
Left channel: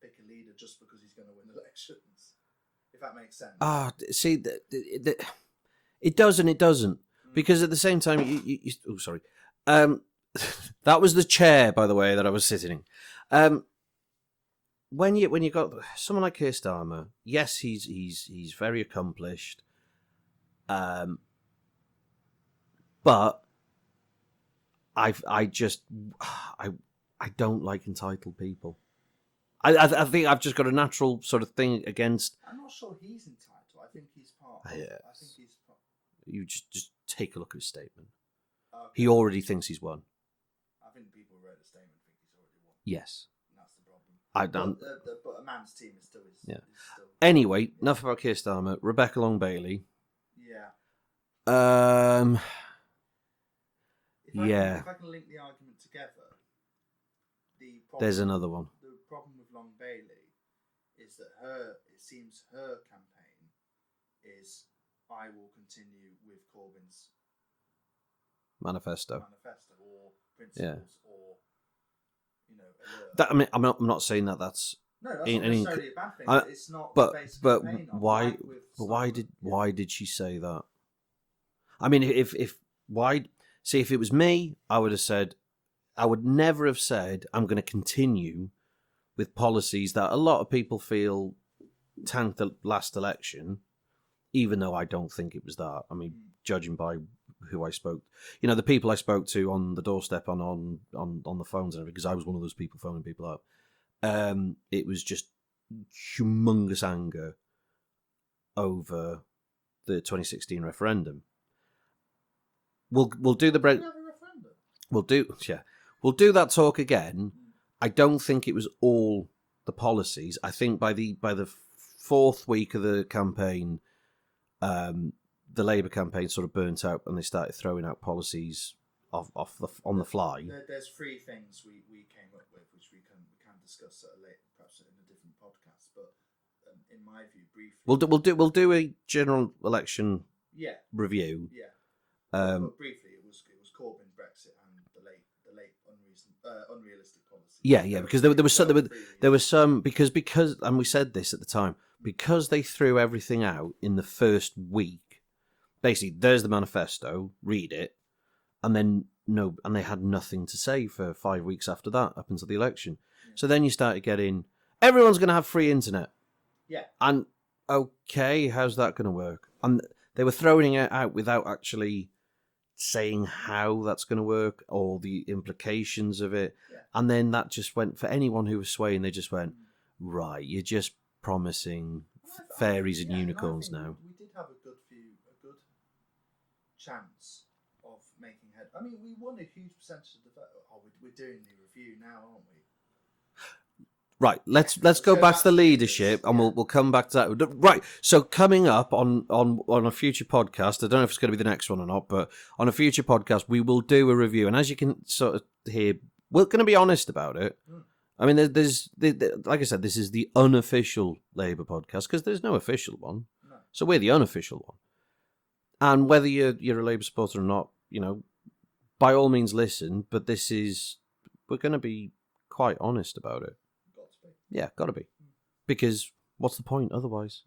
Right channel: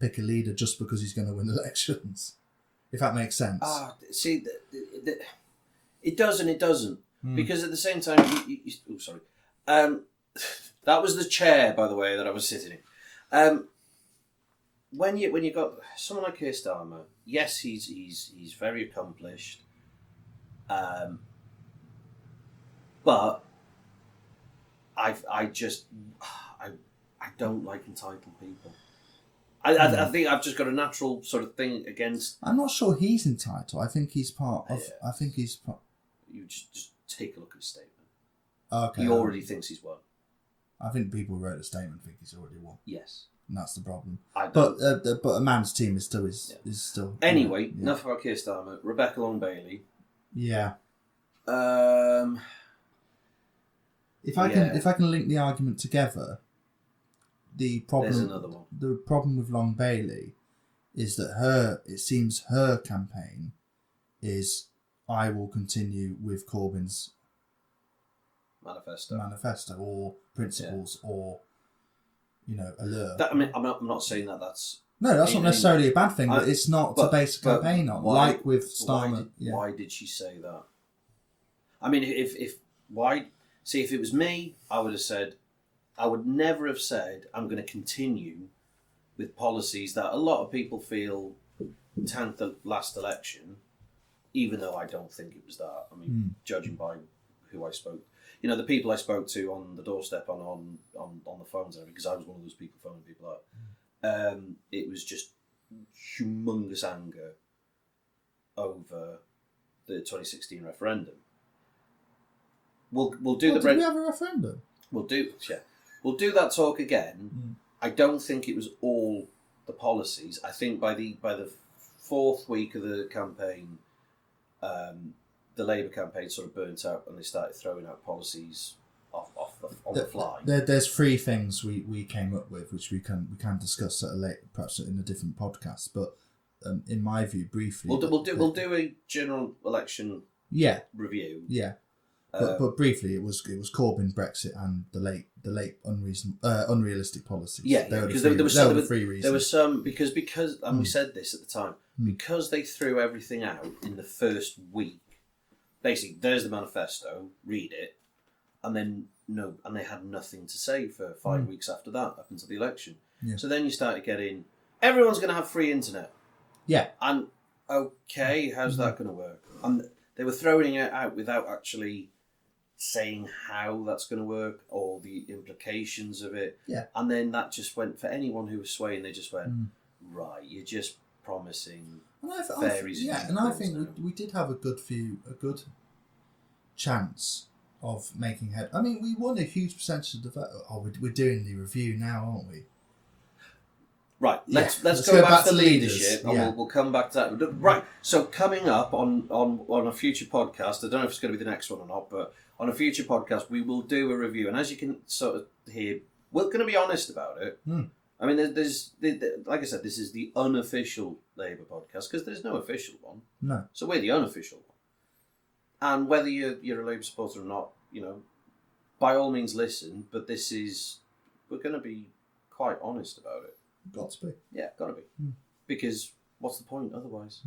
pick a leader just because he's going to win elections, if that makes sense. See, it does and it doesn't. Because at the same time, sorry. That was the chair, by the way, that I was sitting in. When you got someone like Keir Starmer, yes, he's very accomplished. But I don't like entitled people. I think I've just got a natural sort of thing against. I'm not sure he's entitled. I think he's part of. I think he's part. You just take a look at his statement. Okay. He already thinks he's won. I think people who wrote the statement think he's already won. Yes, and that's the problem. I don't. But a man's team is still. Anyway, enough about Keir Starmer. Rebecca Long Bailey. Yeah. If I can link the argument together, the problem. There's another one. The problem with Long Bailey is that it seems her campaign is, I will continue with Corbyn's manifesto or principles or allure. I'm not saying that that's. No, that's not necessarily a bad thing. But it's not to base a campaign on. Like with Starmer. Why did she say that? I mean, if it was me, I would never have said I'm going to continue with policies that a lot of people feel tanked the last election, even though I don't think it was that. I mean, judging by who I spoke, the people I spoke to on the doorstep on the phones and everything, because I was one of those people phoning people up. It was just humongous anger over the 2016 referendum. We'll do Did we have a referendum? We'll do that talk again. I don't think it was all the policies. I think by the fourth week of the campaign, the Labour campaign sort of burnt out, and they started throwing out policies on the fly. There's three things we came up with, which we can discuss at perhaps in a different podcast. But in my view, briefly, we'll do a general election review. Yeah. But briefly, it was Corbyn, Brexit, and the late unrealistic policies. Yeah, because there was some because and we said this at the time, because they threw everything out in the first week. Basically, there's the manifesto. Read it, and then they had nothing to say for 5 weeks after that, up until the election. Yeah. So then you started getting everyone's going to have free internet. Yeah, and okay, how's that going to work? And they were throwing it out without actually saying how that's going to work or the implications of it. Yeah. And then that just went, for anyone who was swaying, they just went, right, you're just promising fairies and unicorns. And I think now. We did have a good chance of making head. I mean, we won a huge percentage of the vote. Oh, we're doing the review now, aren't we? Right, let's go back to the leadership, and we'll come back to that. Right, so coming up on a future podcast, I don't know if it's going to be the next one or not, but on a future podcast, we will do a review. And as you can sort of hear, we're going to be honest about it. I mean, there's like I said, this is the unofficial Labour podcast, because there's no official one. No. So we're the unofficial one. And whether you're a Labour supporter or not, by all means listen, but we're going to be quite honest about it. Got to be. Yeah, got to be. Because what's the point otherwise?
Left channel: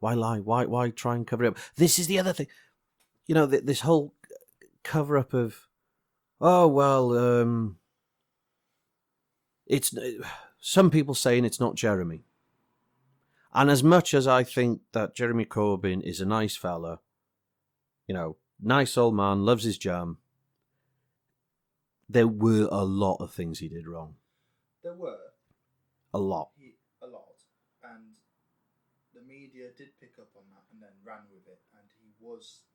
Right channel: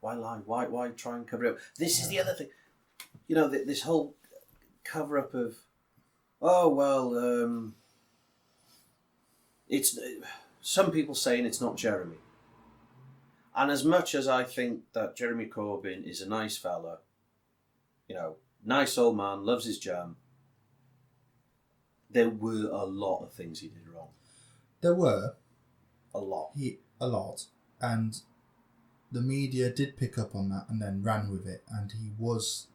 Why lie? Why try and cover it up? This is the other thing. This whole cover-up of, it's some people saying it's not Jeremy. And as much as I think that Jeremy Corbyn is a nice fella, nice old man, loves his jam, there were a lot of things he did wrong. There were. A lot. a lot, and the media did pick up on that and then ran with it, and he was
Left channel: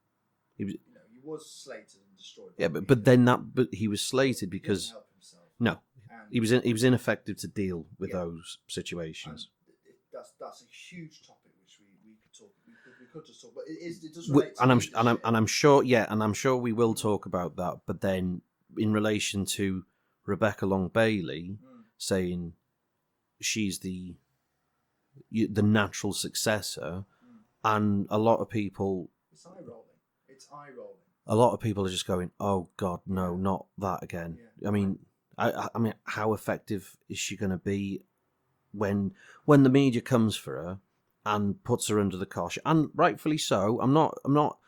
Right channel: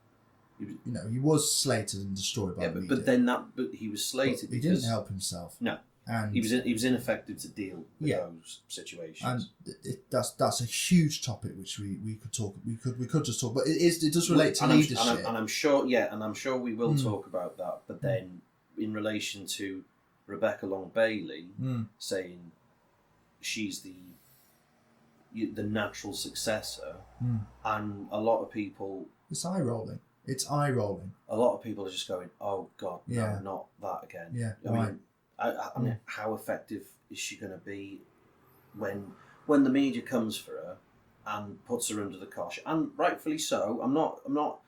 slated and destroyed by the media. But he was slated he because didn't help himself. No, and he was ineffective to deal with those situations. And that's a huge topic which we could talk. We could just talk, but it does relate to leadership. I'm sure we will talk about that. But then, in relation to Rebecca Long Bailey saying she's the natural successor, and a lot of people, it's eye rolling. A lot of people are just going, "Oh God, no, not that again." Yeah, I mean, I mean, how effective is she going to be when the media comes for her and puts her under the cosh? And rightfully so. I'm not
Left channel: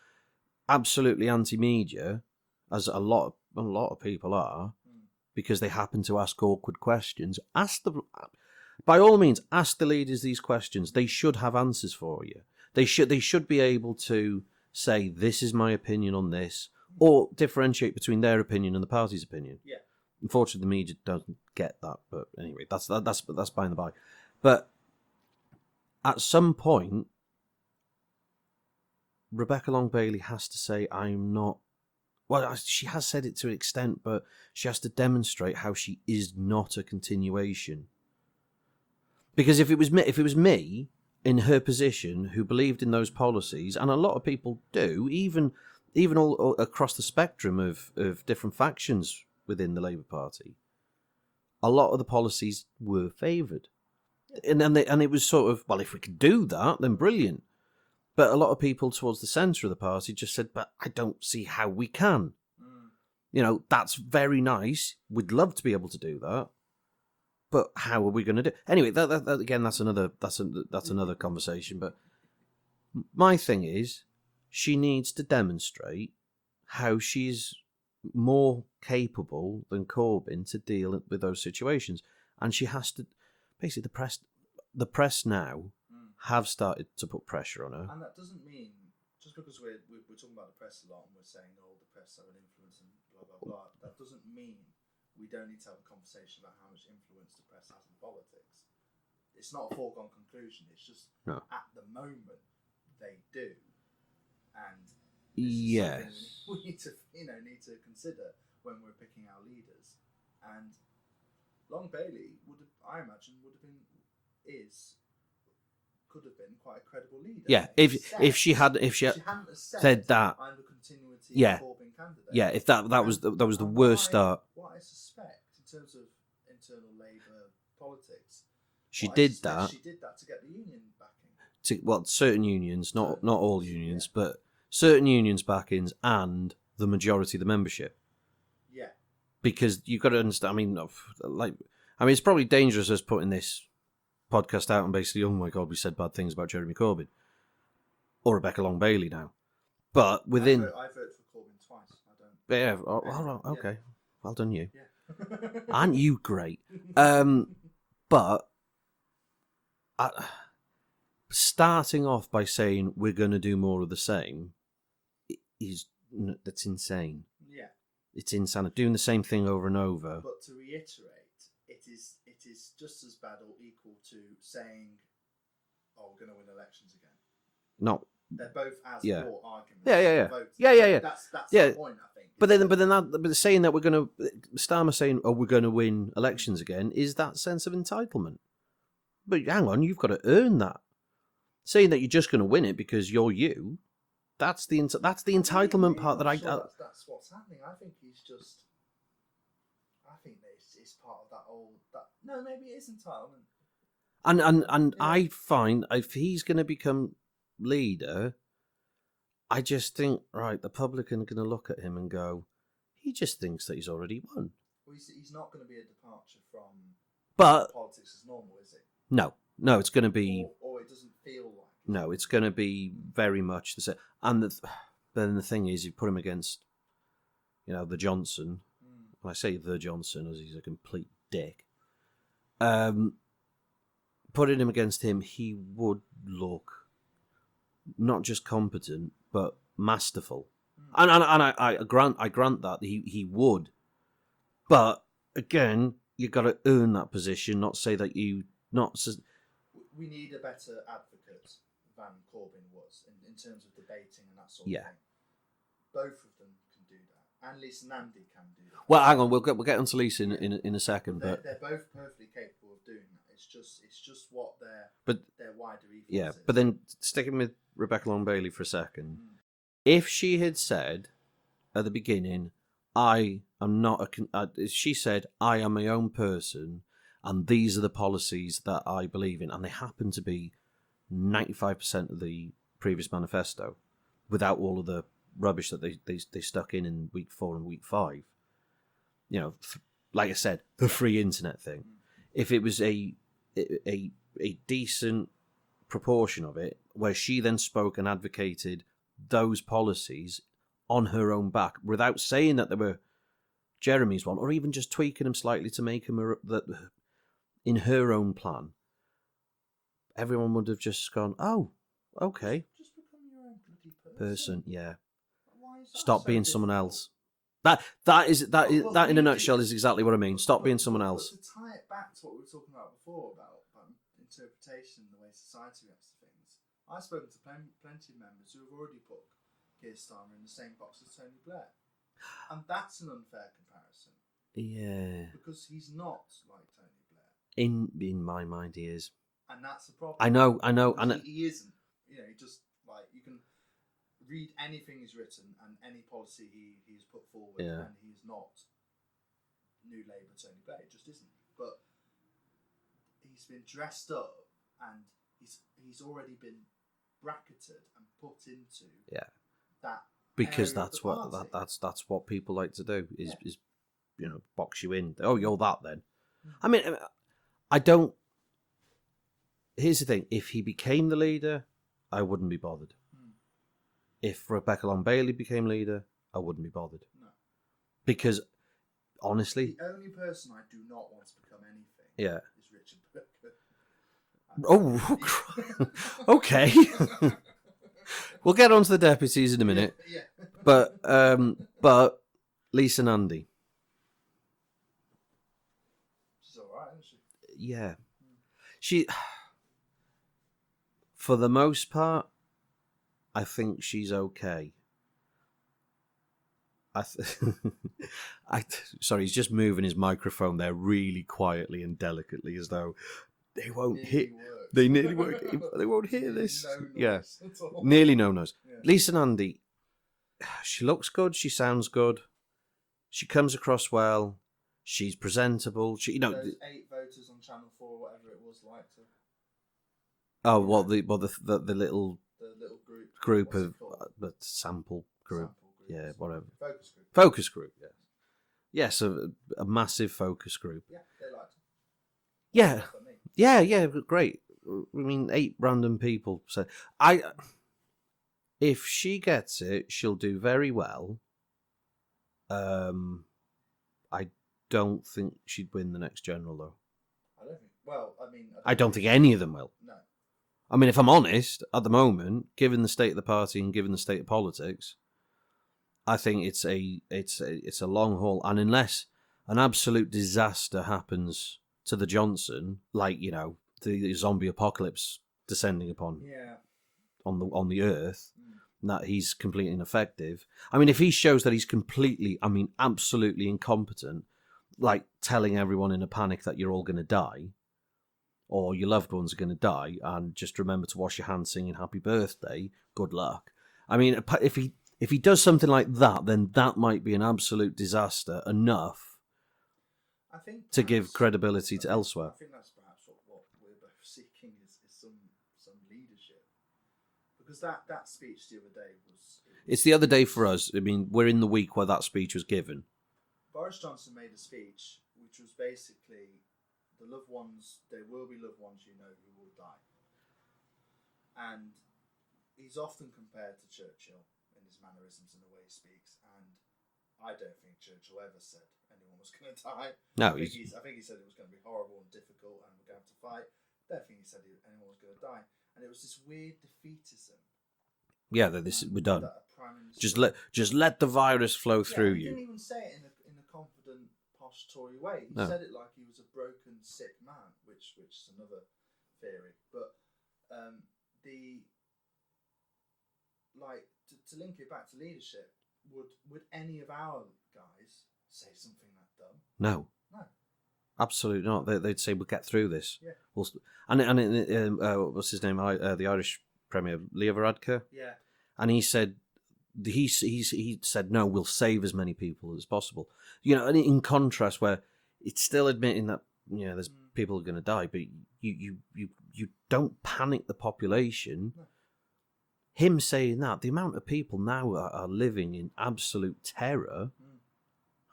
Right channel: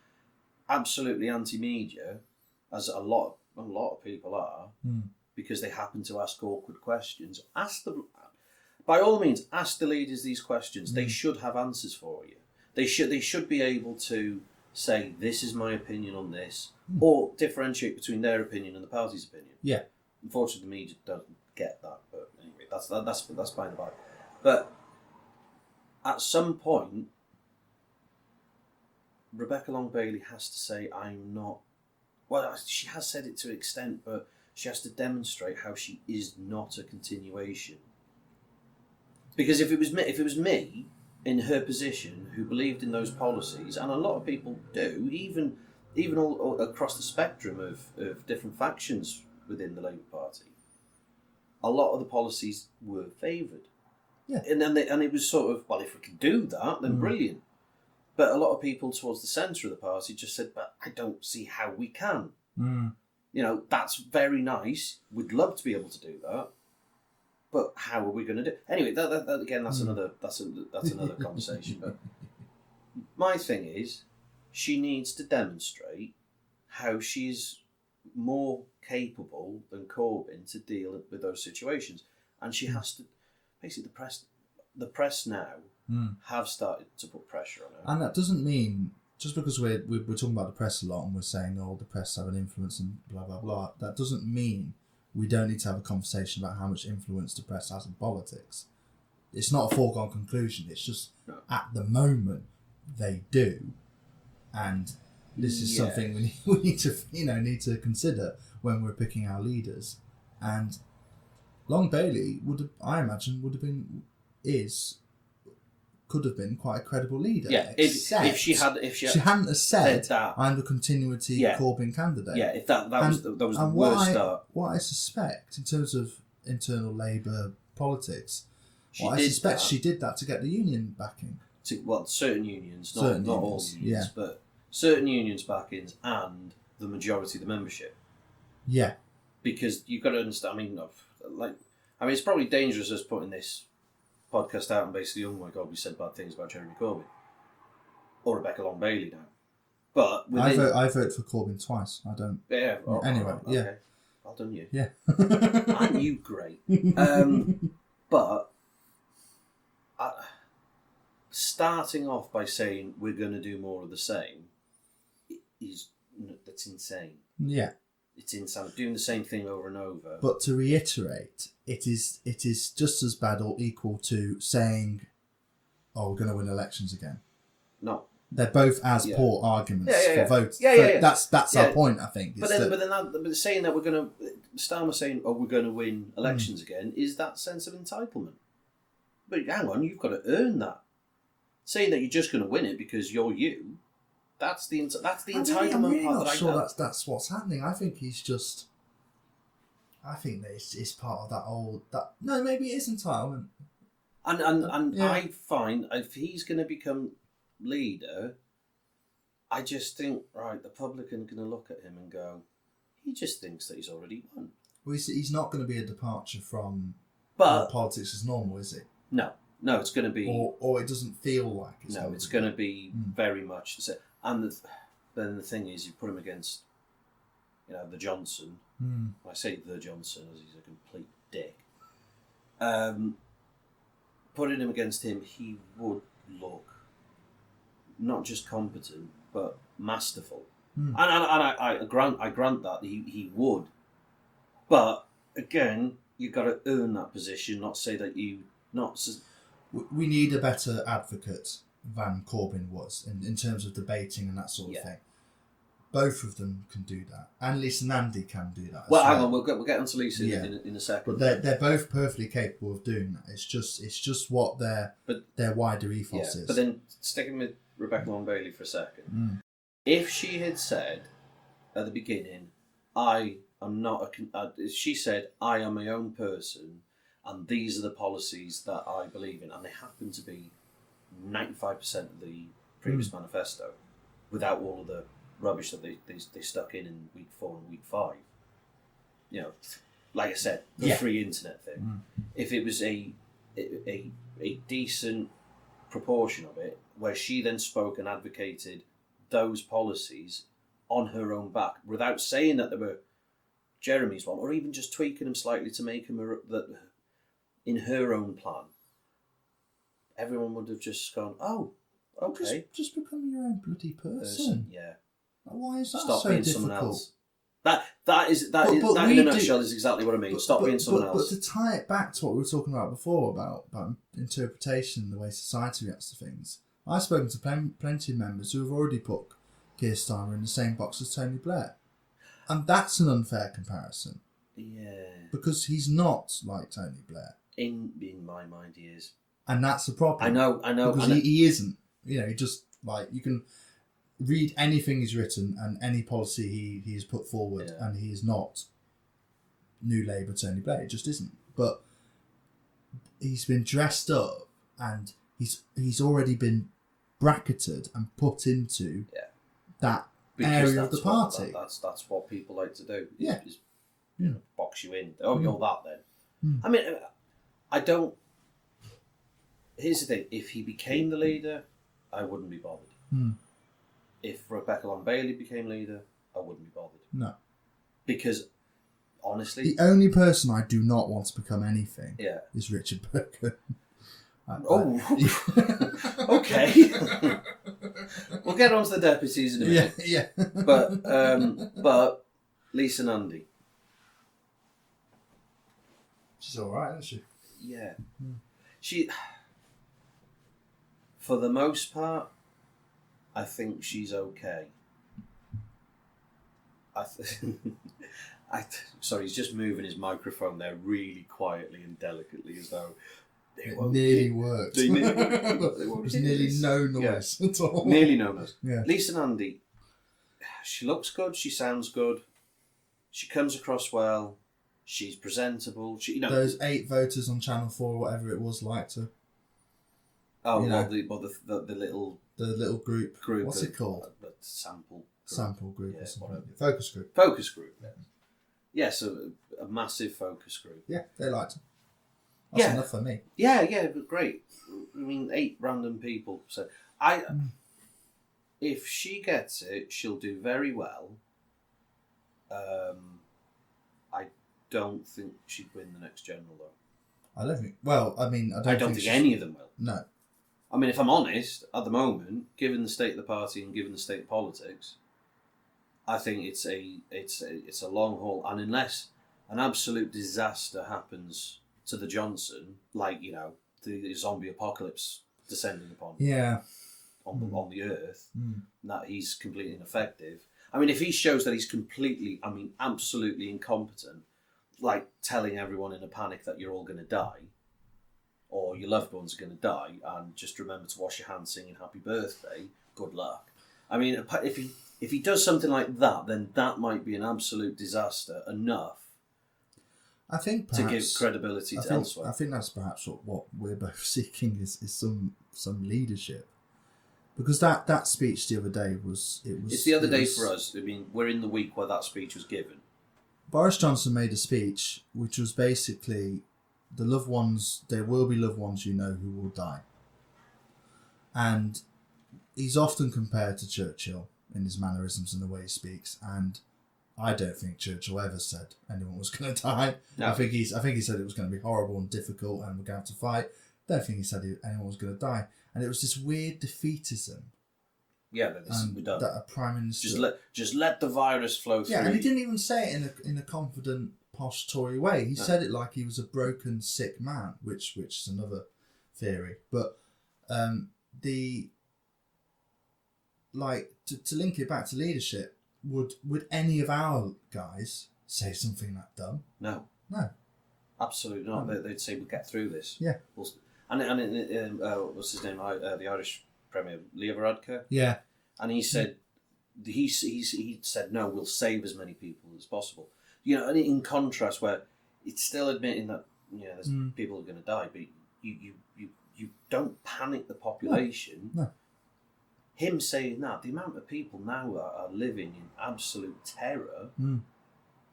absolutely anti-media, as a lot of people are, because they happen to ask awkward questions. By all means, ask the leaders these questions. They should have answers for you. They should be able to say, this is my opinion on this, or differentiate between their opinion and the party's opinion. Yeah. Unfortunately, the media doesn't get that. But anyway, that's by the by. But at some point, Rebecca Long Bailey has to say, I'm not. Well, she has said it to an extent, but she has to demonstrate how she is not a continuation. Because if it was me in her position who believed in those policies, and a lot of people do, even all across the spectrum of different factions within the Labour Party, a lot of the policies were favoured. Yeah. And it was sort of, well, if we could do that, then brilliant. But a lot of people towards the centre of the party just said, but I don't see how we can. That's very nice. We'd love to be able to do that. But how are we going to do it? Anyway, that again, that's another conversation. But my thing is, she needs to demonstrate how she's more capable than Corbyn to deal with those situations, and she has to. Basically, the press now have started to put pressure on her, and that doesn't mean just because we're talking about the press a lot and we're saying, oh, the press have an influence and blah blah blah. That doesn't mean we don't need to have a conversation about how much influence the press has in politics. It's not a foregone conclusion. It's just at the moment they do, and this is something we need to consider when we're picking our leaders. And Long Bailey could have been quite a credible leader. Yeah, if she hadn't have said that, I'm the continuity Corbyn candidate. Yeah, if that was the worst start. What I suspect in terms of internal Labour politics, she did that to get the union backing. Certain unions, not all unions, but certain unions backings and the majority of the membership. Yeah, because you've got to understand. I mean, it's probably dangerous us putting this podcast out and basically, oh my God, we said bad things about Jeremy Corbyn or Rebecca Long Bailey now. But within, I vote for Corbyn twice. I don't. Yeah. Anyway, okay. Well done, you. Yeah. Aren't you great? But starting off by saying we're going to do more of the same that's insane. Yeah. It's insane. Doing the same thing over and over. But to reiterate, it is just as bad or equal to saying, "Oh, we're going to win elections again." No, they're both as poor arguments for votes. Yeah. That's our point, I think. But saying that we're going to Starmer saying, "Oh, we're going to win elections again," is that sense of entitlement. But hang on, you've got to earn that. Saying that you're just going to win it because you're you. That's the entitlement part that I sure that's what's happening. I think he's just. I think that it's part of that old. No, maybe it is entitlement. And I find if he's going to become leader, I just think the public are going to look at him and go, he just thinks that he's already won. Well, he's not going to be a departure from politics as normal, is it? No, it's going to be, or it doesn't feel like. It's going to be very much the same. And then the thing is, you put him against, the Johnson. I say the Johnson as he's a complete dick. Putting him against him, he would look not just competent but masterful. And I grant that he would. But again, you've got to earn that position. Not say that you we need a better advocate than Corbyn was in terms of debating and that sort of thing. Both of them can do that, and Lisa Nandy can do that. Well, hang on, we'll get onto Lisa in a second. But they're both perfectly capable of doing that. It's just what their wider ethos is. But then sticking with Rebecca Long-Bailey for a second, if she had said at the beginning, "I am not she said, "I am my own person, and these are the policies that I believe in," and they happen to be 95% of the previous manifesto, without all of the rubbish that they stuck in week 4 and week 5. You know, like I said, the free internet thing. If it was a decent proportion of it, where she then spoke and advocated those policies on her own back, without saying that they were Jeremy's one, or even just tweaking them slightly to make them in her own plan, everyone would have just gone, "Oh, okay, just become your own bloody person." Yeah. Why is that Stop so being difficult? someone else. That in a nutshell is exactly what I mean. Stop being someone else. But to tie it back to what we were talking about before about interpretation, the way society reacts to things, I've spoken to plenty of members who have already put Keir Starmer in the same box as Tony Blair, and that's an unfair comparison. Yeah. Because he's not like Tony Blair. In my mind, he is, and that's the problem. I know. Because he isn't. You know, he just you can read anything he's written and any policy he has put forward, and he is not New Labour Tony Blair. It just isn't. But he's been dressed up, and he's already been bracketed and put into that area of the party. That's what people like to do. Is box you in. Oh, you're that then. I mean, I don't. Here's the thing: if he became the leader, I wouldn't be bothered. If Rebecca Long-Bailey became leader, I wouldn't be bothered. No. Because, honestly... The only person I do not want to become anything is Richard Burgon. Okay. We'll get on to the deputies in a minute. Yeah. But Lisa Nandy. She's all right, isn't she? Yeah. She... For the most part, I think she's okay. Sorry, he's just moving his microphone there really quietly and delicately, as though it nearly worked. They nearly worked. They won't hear nearly this. No noise at all. Nearly no noise. Yeah. Lisa Nandy, she looks good. She sounds good. She comes across well. She's presentable. Those 8 voters on Channel 4, whatever it was, liked her. Oh, the little. The little group. What's it called? The sample group. Sample group. Yeah, whatever. Focus group. Focus group. Yeah. Yes, a massive focus group. Yeah, they liked it. That's enough for me. Yeah, great. I mean, 8 random people. So if she gets it, she'll do very well. I don't think she'd win the next general, though. I don't think. Well, I mean, I don't think any of them will. No. I mean, if I'm honest, at the moment, given the state of the party and given the state of politics, I think it's a long haul. And unless an absolute disaster happens to the Johnson, like the zombie apocalypse descending upon on the earth, that he's completely ineffective. I mean, if he shows that he's absolutely incompetent, like telling everyone in a panic that you're all going to die, or your loved ones are going to die, and just remember to wash your hands singing happy birthday, good luck. I mean, if he does something like that, then that might be an absolute disaster enough, I think, to give credibility to elsewhere. I think that's perhaps what we're both seeking is some leadership. Because that speech the other day it's the other day for us. I mean, we're in the week where that speech was given. Boris Johnson made a speech which was basically, the loved ones, there will be loved ones who will die. And he's often compared to Churchill in his mannerisms and the way he speaks, and I don't think Churchill ever said anyone was going to die. No. I think he said it was going to be horrible and difficult and we're going to have to fight. I don't think he said anyone was going to die. And it was this weird defeatism. Yeah, we're done. That a prime minister just let the virus flow through. Yeah, and he didn't even say it in a confident, posh Tory way. He said it like he was a broken, sick man, which is another theory, but the like to link it back to leadership, would any of our guys say something that dumb? No, absolutely not. They'd say we'll get through this. Yeah. What's his name? The Irish Premier, Leo Varadkar. Yeah. And he said he said no, we'll save as many people as possible. You know, and in contrast, where it's still admitting that there's people are going to die, but you don't panic the population. No. Him saying that, the amount of people now are living in absolute terror, and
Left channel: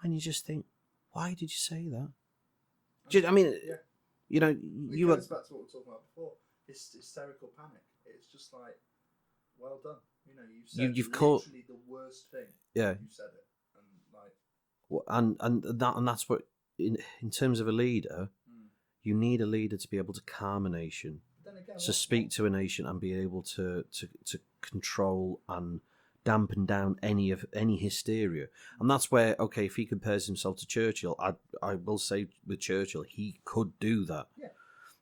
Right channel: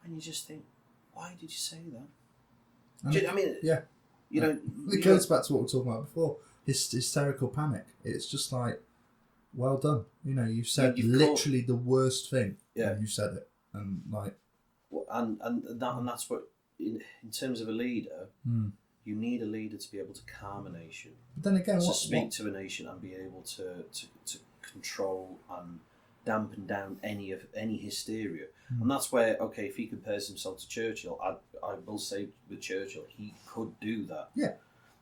you just think, why did you say that? I mean, yeah, it goes back to what we were talking about before. Hysterical panic. It's just like, well done. You said literally the worst thing. Yeah, you said it, and like, and that's what in terms of a leader. You need a leader to be able to calm a nation. But then again, to speak to a nation and be able to control and dampen down any hysteria. And that's where, okay, if he compares himself to Churchill, I will say with Churchill, he could do that. Yeah.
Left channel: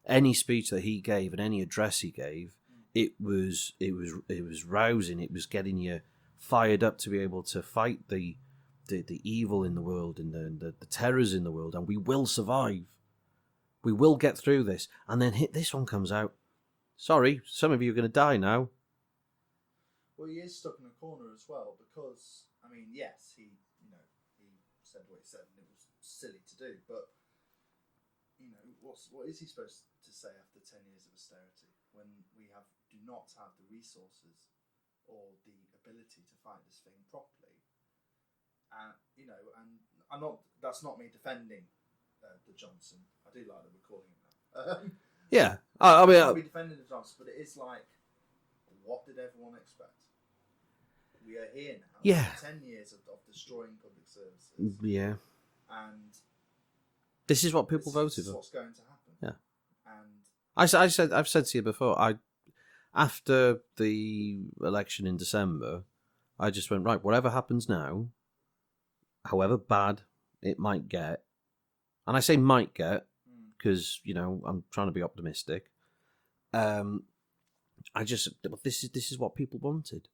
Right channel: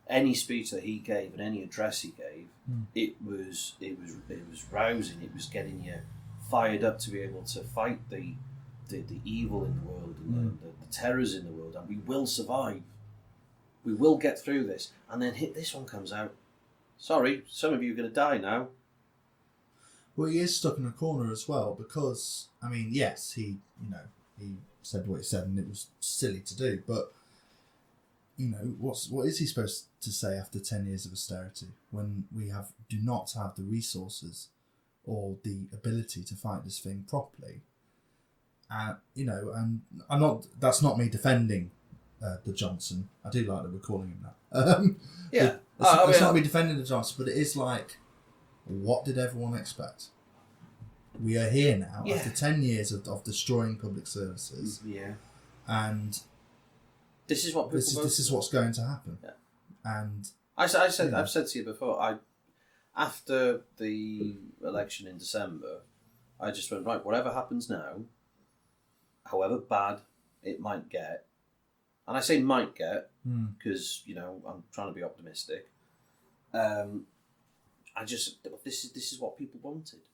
Any speech that he gave and any address he gave, it was rousing. It was getting you fired up to be able to fight the evil in the world and the terrors in the world, and we will survive. We will get through this. And then this one comes out. Sorry, some of you are going to die now. Well, he is stuck in a corner as well because, I mean, yes, he said what he said and it was silly to do, but, what is he supposed to say after 10 years of austerity when we do not have the resources or the ability to fight this thing properly? And that's not me defending the Johnson. I do like that we're calling him that. Yeah. It's not me defending the Johnson, but it is like, what did everyone expect? We are here now after 10 years of destroying public services. Yeah. And this is what people voted. This is what's going to happen. Yeah. And I've said to you before, after the election in December, I just went, right, whatever happens now, however bad it might get, and I say might get because I'm trying to be optimistic. This is what people wanted,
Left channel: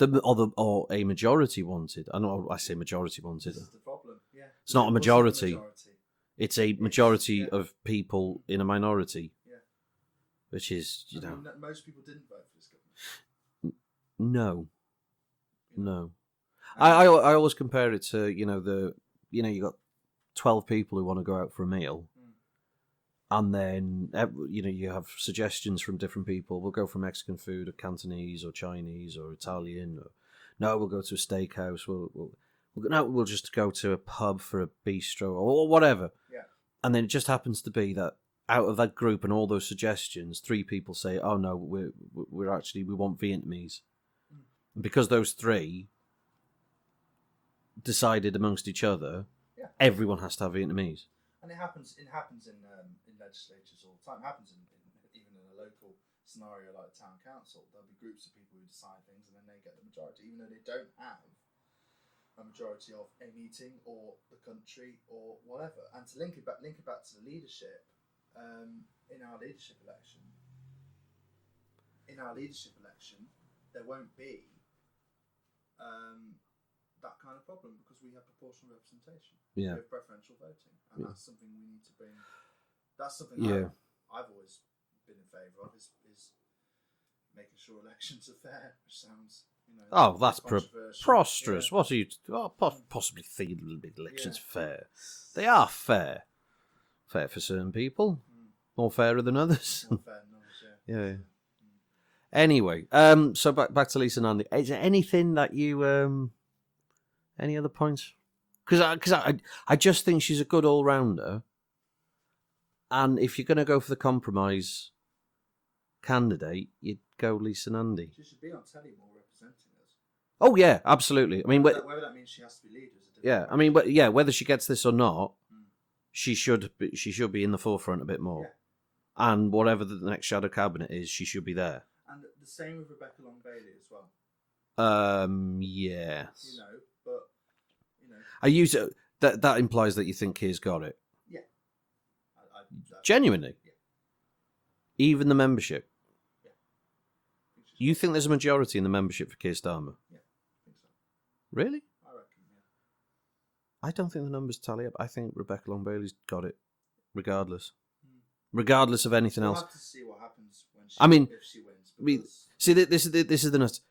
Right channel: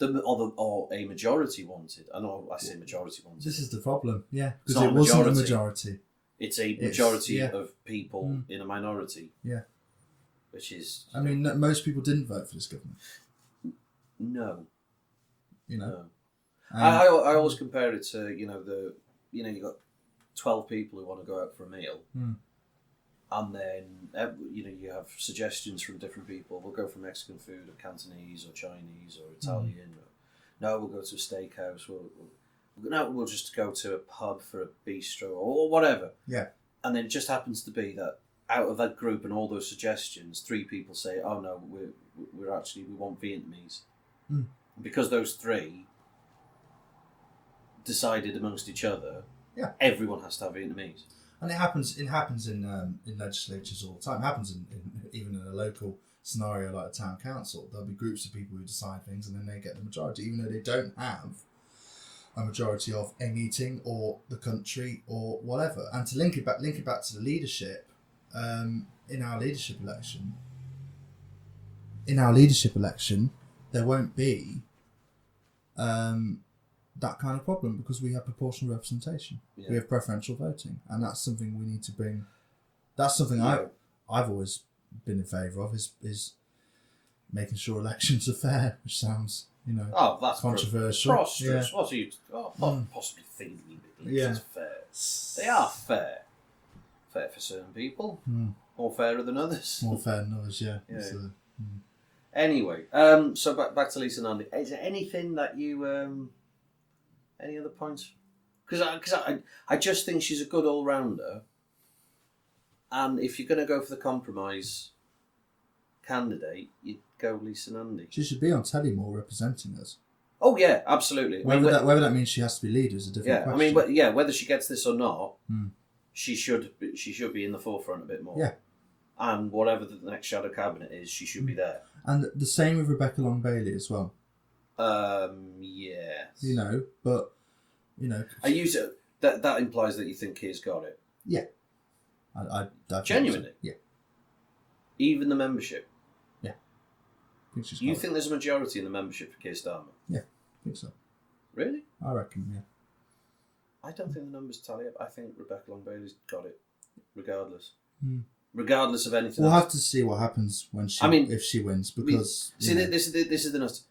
or a majority wanted. I say majority wanted. This is the problem. Yeah, it's not a majority. Majority. It's a majority of people in a minority. Yeah, which is. I mean, most people didn't vote for this government. No. No. I always compare it to you got 12 people who want to go out for a meal, and then you have suggestions from different people. We'll go for Mexican food, or Cantonese, or Chinese, or Italian. Or, no, we'll go to a steakhouse. We'll just go to a pub for a bistro or whatever. Yeah. And then it just happens to be that out of that group and all those suggestions, 3 people say, "Oh no, we want Vietnamese," because those 3 decided amongst each other. Yeah, everyone has to have Vietnamese, and it happens in legislatures all the time. It happens even in a local scenario like a town council. There'll be groups of people who decide things, and then they get the majority, even though they don't have a majority of a meeting or the country or whatever. And to link it back to the leadership, in our leadership election, there won't be that kind of problem because we have proportional representation. Yeah. We have preferential voting, and that's something we need to bring. That's something I've always been in favour of is making sure elections are fair, which sounds that's controversial. Preposterous. What are you possibly thinking elections fair? They are fair. Fair for certain people, more fairer than others. More fair than others, yeah. Anyway, so back to Lisa Nandy. Is there anything that you any other points? Because I just think she's a good all rounder, and if you're going to go for the compromise candidate, you'd go Lisa Nandy. She should be on telly more representing us. Oh yeah, absolutely. Whether that means she has to be leader is a different question. I mean, whether she gets this or not, she should be in the forefront a bit more. Yeah. And whatever the next shadow cabinet is, she should be there. And the same with Rebecca Long Bailey as well. Yeah. But I use it. That implies that you think Keir's got it. Yeah. I genuinely. Yeah. Even the membership. Yeah. I think she's You got think there's a majority in the membership for Keir Starmer? Yeah, I think so. Really? I reckon, yeah. I don't think the numbers tally up. I think Rebecca Long Bailey's got it, regardless. Hmm. Regardless of anything We'll else. have to see what happens when she, if she wins, because this is the nuts.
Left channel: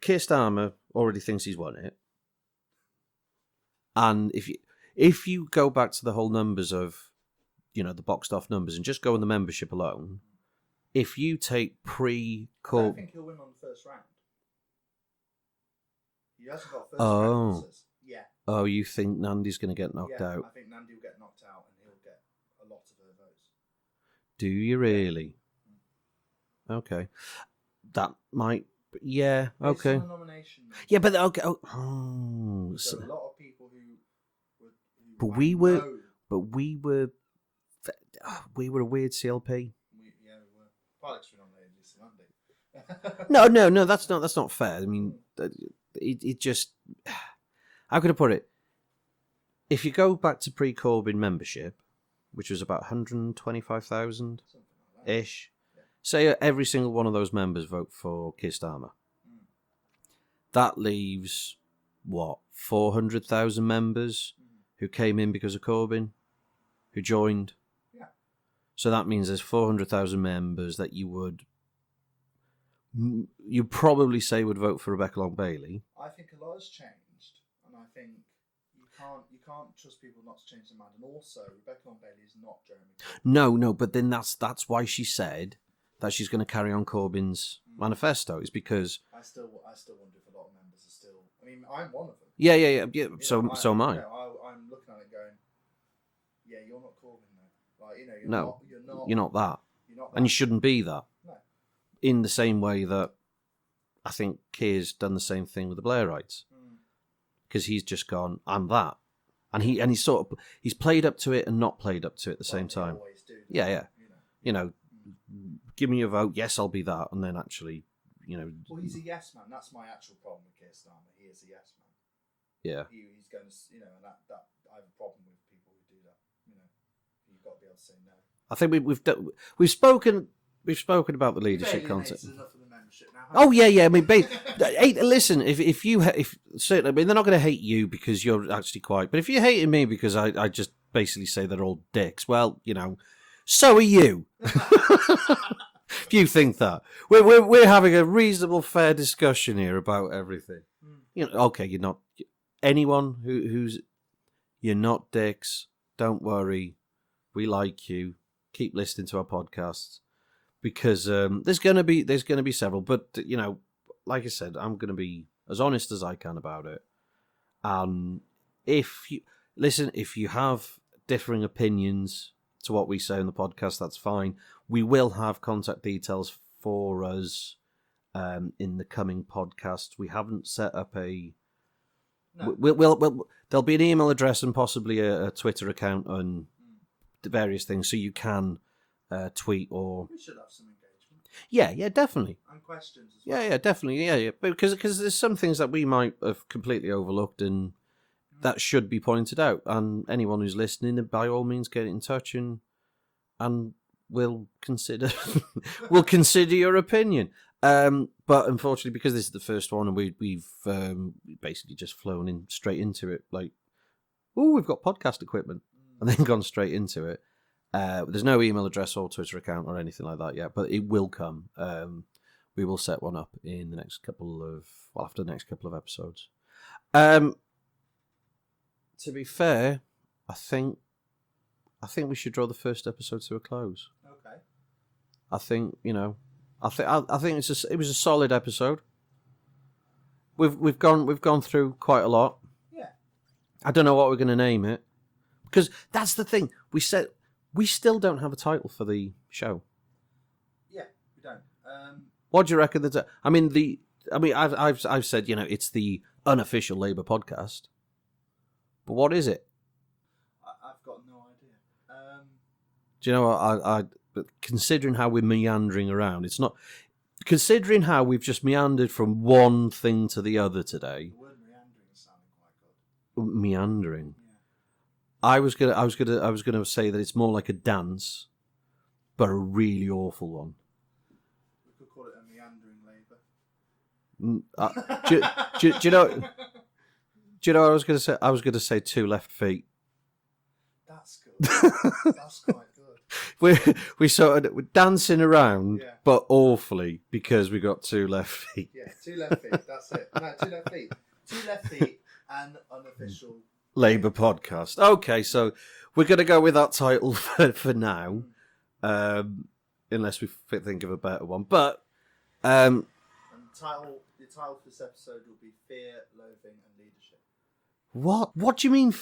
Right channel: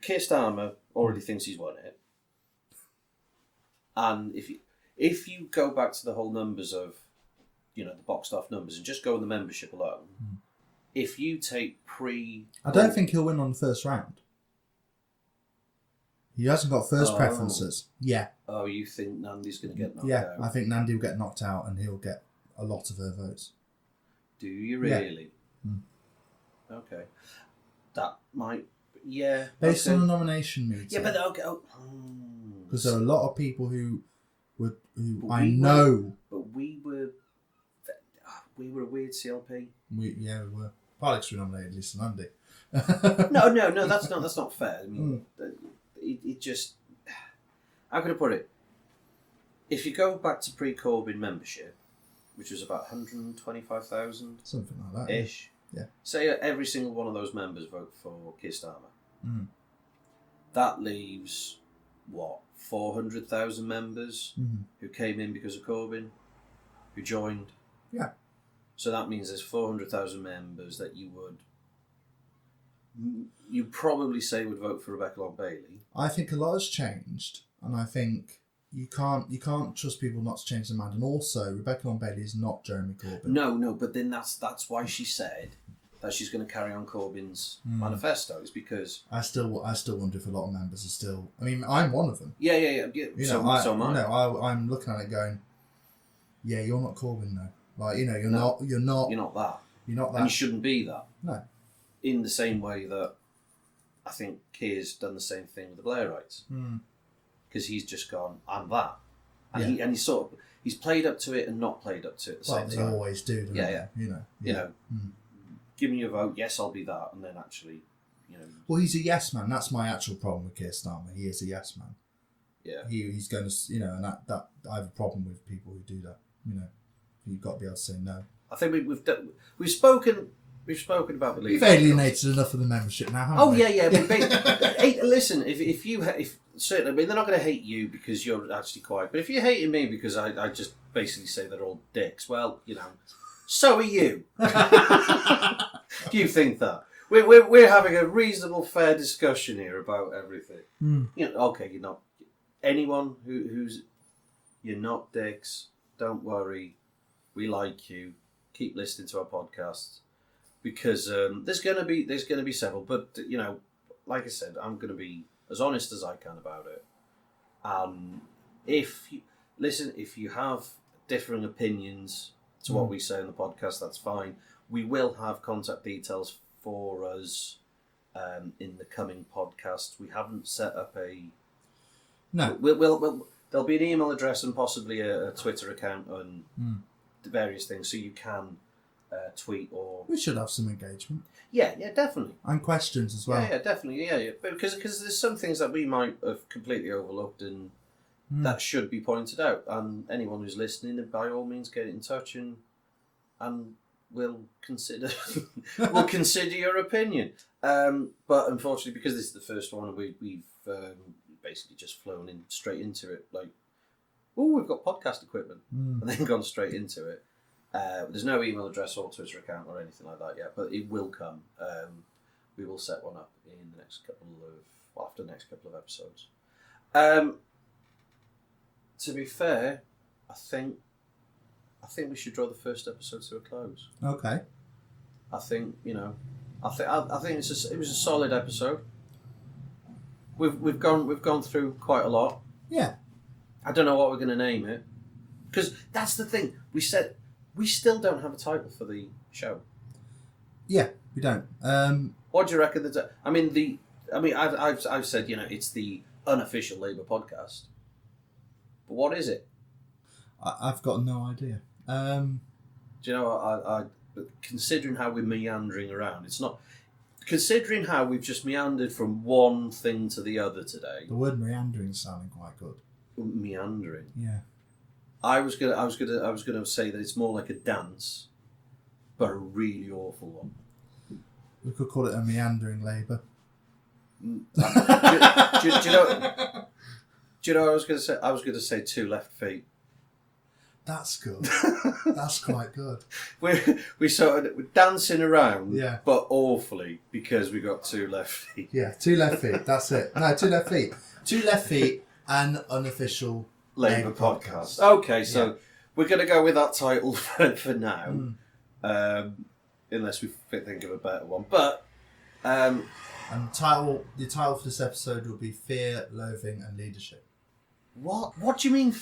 Keir Starmer already thinks he's won it, and if you go back to the whole numbers of, the boxed off numbers and just go on the membership alone, if you take I don't think he'll win on the first round. He hasn't got first preferences. Yeah. Oh, you think Nandi's going to get knocked out? Yeah, I think Nandi will get knocked out and he'll get a lot of her votes. Do you really? Yeah. Okay. That might... Yeah. Based on the nomination meeting. Yeah, but... Okay. Because there are a lot of people who But we were a weird CLP. We were. Alex we nominated Lisa Nandi. No, that's not fair. I mean, it just... How can I put it? If you go back to pre-Corbyn membership, which was about 125,000... Something like that. Ish. Yeah. Say every single one of those members vote for Keir Starmer. That leaves, 400,000 members who came in because of Corbyn, who joined? Yeah. So that means there's 400,000 members that you'd probably say would vote for Rebecca Long Bailey. I think a lot has changed, and I think you can't trust people not to change their mind. And also, Rebecca Long Bailey is not Jeremy Corbyn. No, but then that's why she said that she's going to carry on Corbyn's manifesto. Is because I still wonder if a lot of members are still. I mean, I'm one of them. Yeah. So am I. I'm looking at it going, yeah, you're not Corbyn though. Like, you're not that. You're not that. And you shouldn't be that. No. In the same way that I think Keir's done the same thing with the Blairites. Because he's just gone, I'm that. And he's played up to it and not played up to it at the same time. They always do. Yeah. Give me a vote, yes, I'll be that. And then actually, Well, he's a yes man. That's my actual problem with Keir Starmer. He is a yes man. Yeah. He's going to, and that I have a problem with people who do that. You've got to be able to say no. I think we've spoken about the leadership. You've alienated enough of the membership now. Yeah. I mean, listen, if certainly, I mean, they're not going to hate you because you're actually quiet. But if you're hating me because I just basically say they're all dicks, well, so are you. If you think that we're having a reasonable, fair discussion here about everything. Okay, you're not anyone who's you're not dicks. Don't worry, we like you. Keep listening to our podcasts. Because there's going to be several, but like I said, I'm going to be as honest as I can about it. If you have differing opinions to what we say in the podcast, that's fine. We will have contact details for us in the coming podcast. We haven't set up a. No. We'll there'll be an email address and possibly a Twitter account and the various things, so you can. Tweet or we should have some engagement. Yeah, definitely, and questions as well. Yeah, definitely, yeah. Because there's some things that we might have completely overlooked and that should be pointed out. And anyone who's listening, by all means, get in touch and we'll consider your opinion. But unfortunately, because this is the first one, and we've basically just flown in straight into it, like, we've got podcast equipment, and then gone straight into it. There's no email address or Twitter account or anything like that yet, but it will come. We will set one up in the next after the next couple of episodes. To be fair, I think we should draw the first episode to a close. Okay. I think I think it was a solid episode. We've gone through quite a lot. Yeah. I don't know what we're going to name it, because that's the thing. We still don't have a title for the show. Yeah, we don't. What do you reckon? I've said it's the unofficial Labour podcast, but what is it? I've got no idea. Do you know what? Considering how we're meandering around, it's not. Considering how we've just meandered from one thing to the other today. The word meandering is sounding quite good. Meandering. Yeah. I was gonna say that it's more like a dance, but a really awful one. We could call it a meandering Labour. Do you know? Do you know what I was going to say? I was going to say 2 left feet. That's good. That's quite good. We sort of we're dancing around, Yeah. but awfully because we got 2 left feet. Yeah, 2 left feet. That's it. No, 2 left feet. 2 left feet and unofficial Labour podcast. Okay, so we're going to go with that title for now, unless we think of a better one. But and the title for this episode will be Fear, Loathing, and Leadership. What do you mean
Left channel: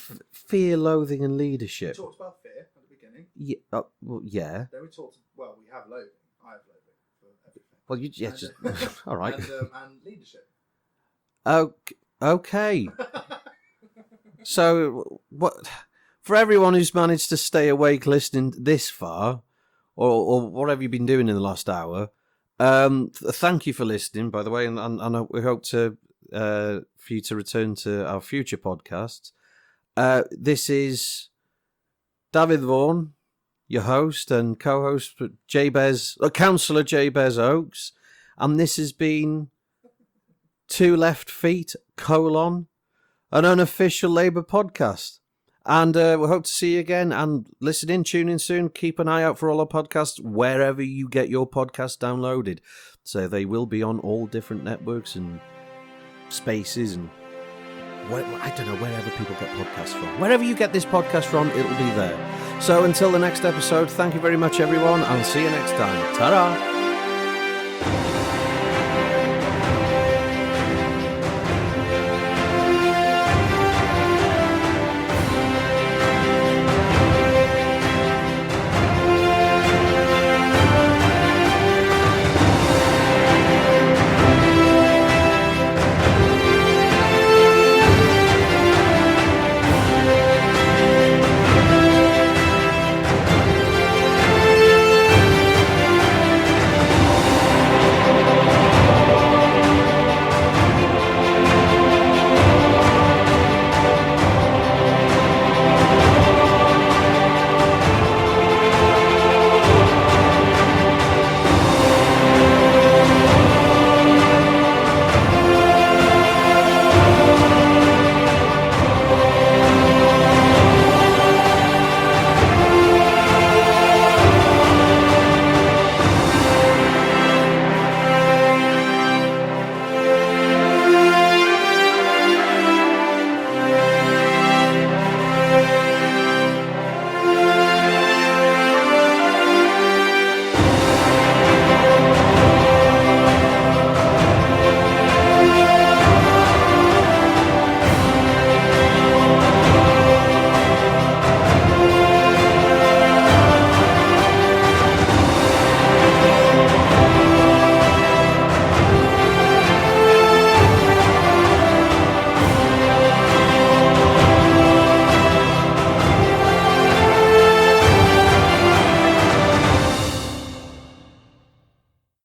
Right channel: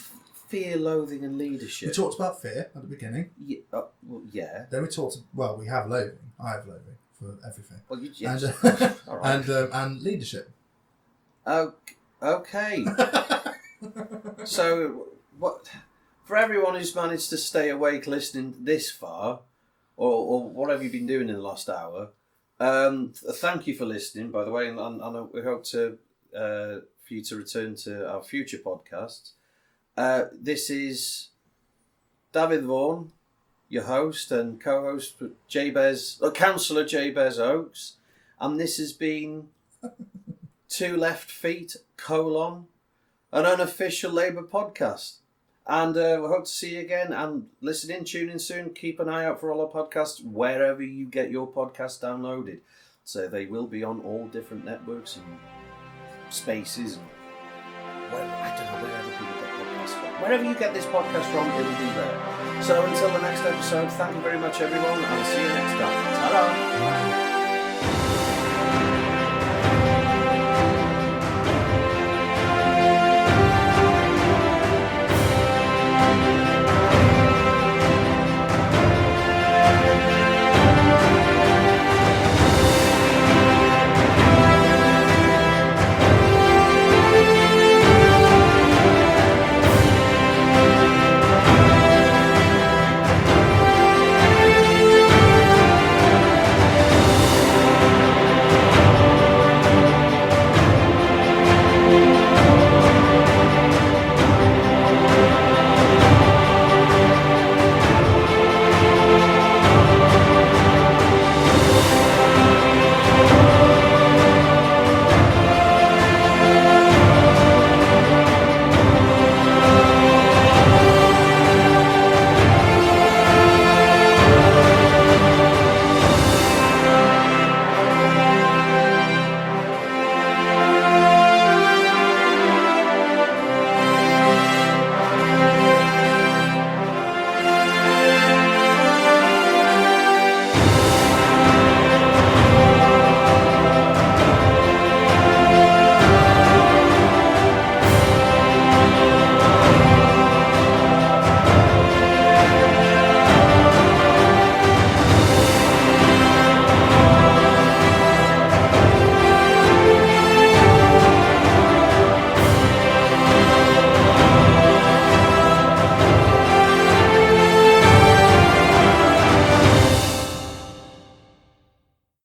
fear, loathing, and leadership? We talked about fear at the beginning. Yeah. Well, yeah. Then we talked. Well, we have loathing. I have loathing for everything. Well, And, all right. And leadership. Okay. So, what for everyone who's managed to stay awake listening this far, or what have you been doing in the last hour? Thank you for listening, by the way, and we hope to for you to return to our future podcasts. This is Dafydd Vaughan, your host and co-host, Councillor Jabez Oakes, and this has been 2 Left Feet, an unofficial Labour podcast. And we hope to see you again, and tune in soon. Keep an eye out for all our podcasts wherever you get your podcast downloaded. So they will be on all different networks and spaces and I don't know, wherever people get podcasts from. Wherever you get this podcast from, it'll be there. So until the next episode, thank you very much, everyone, and see you next time. Ta-da!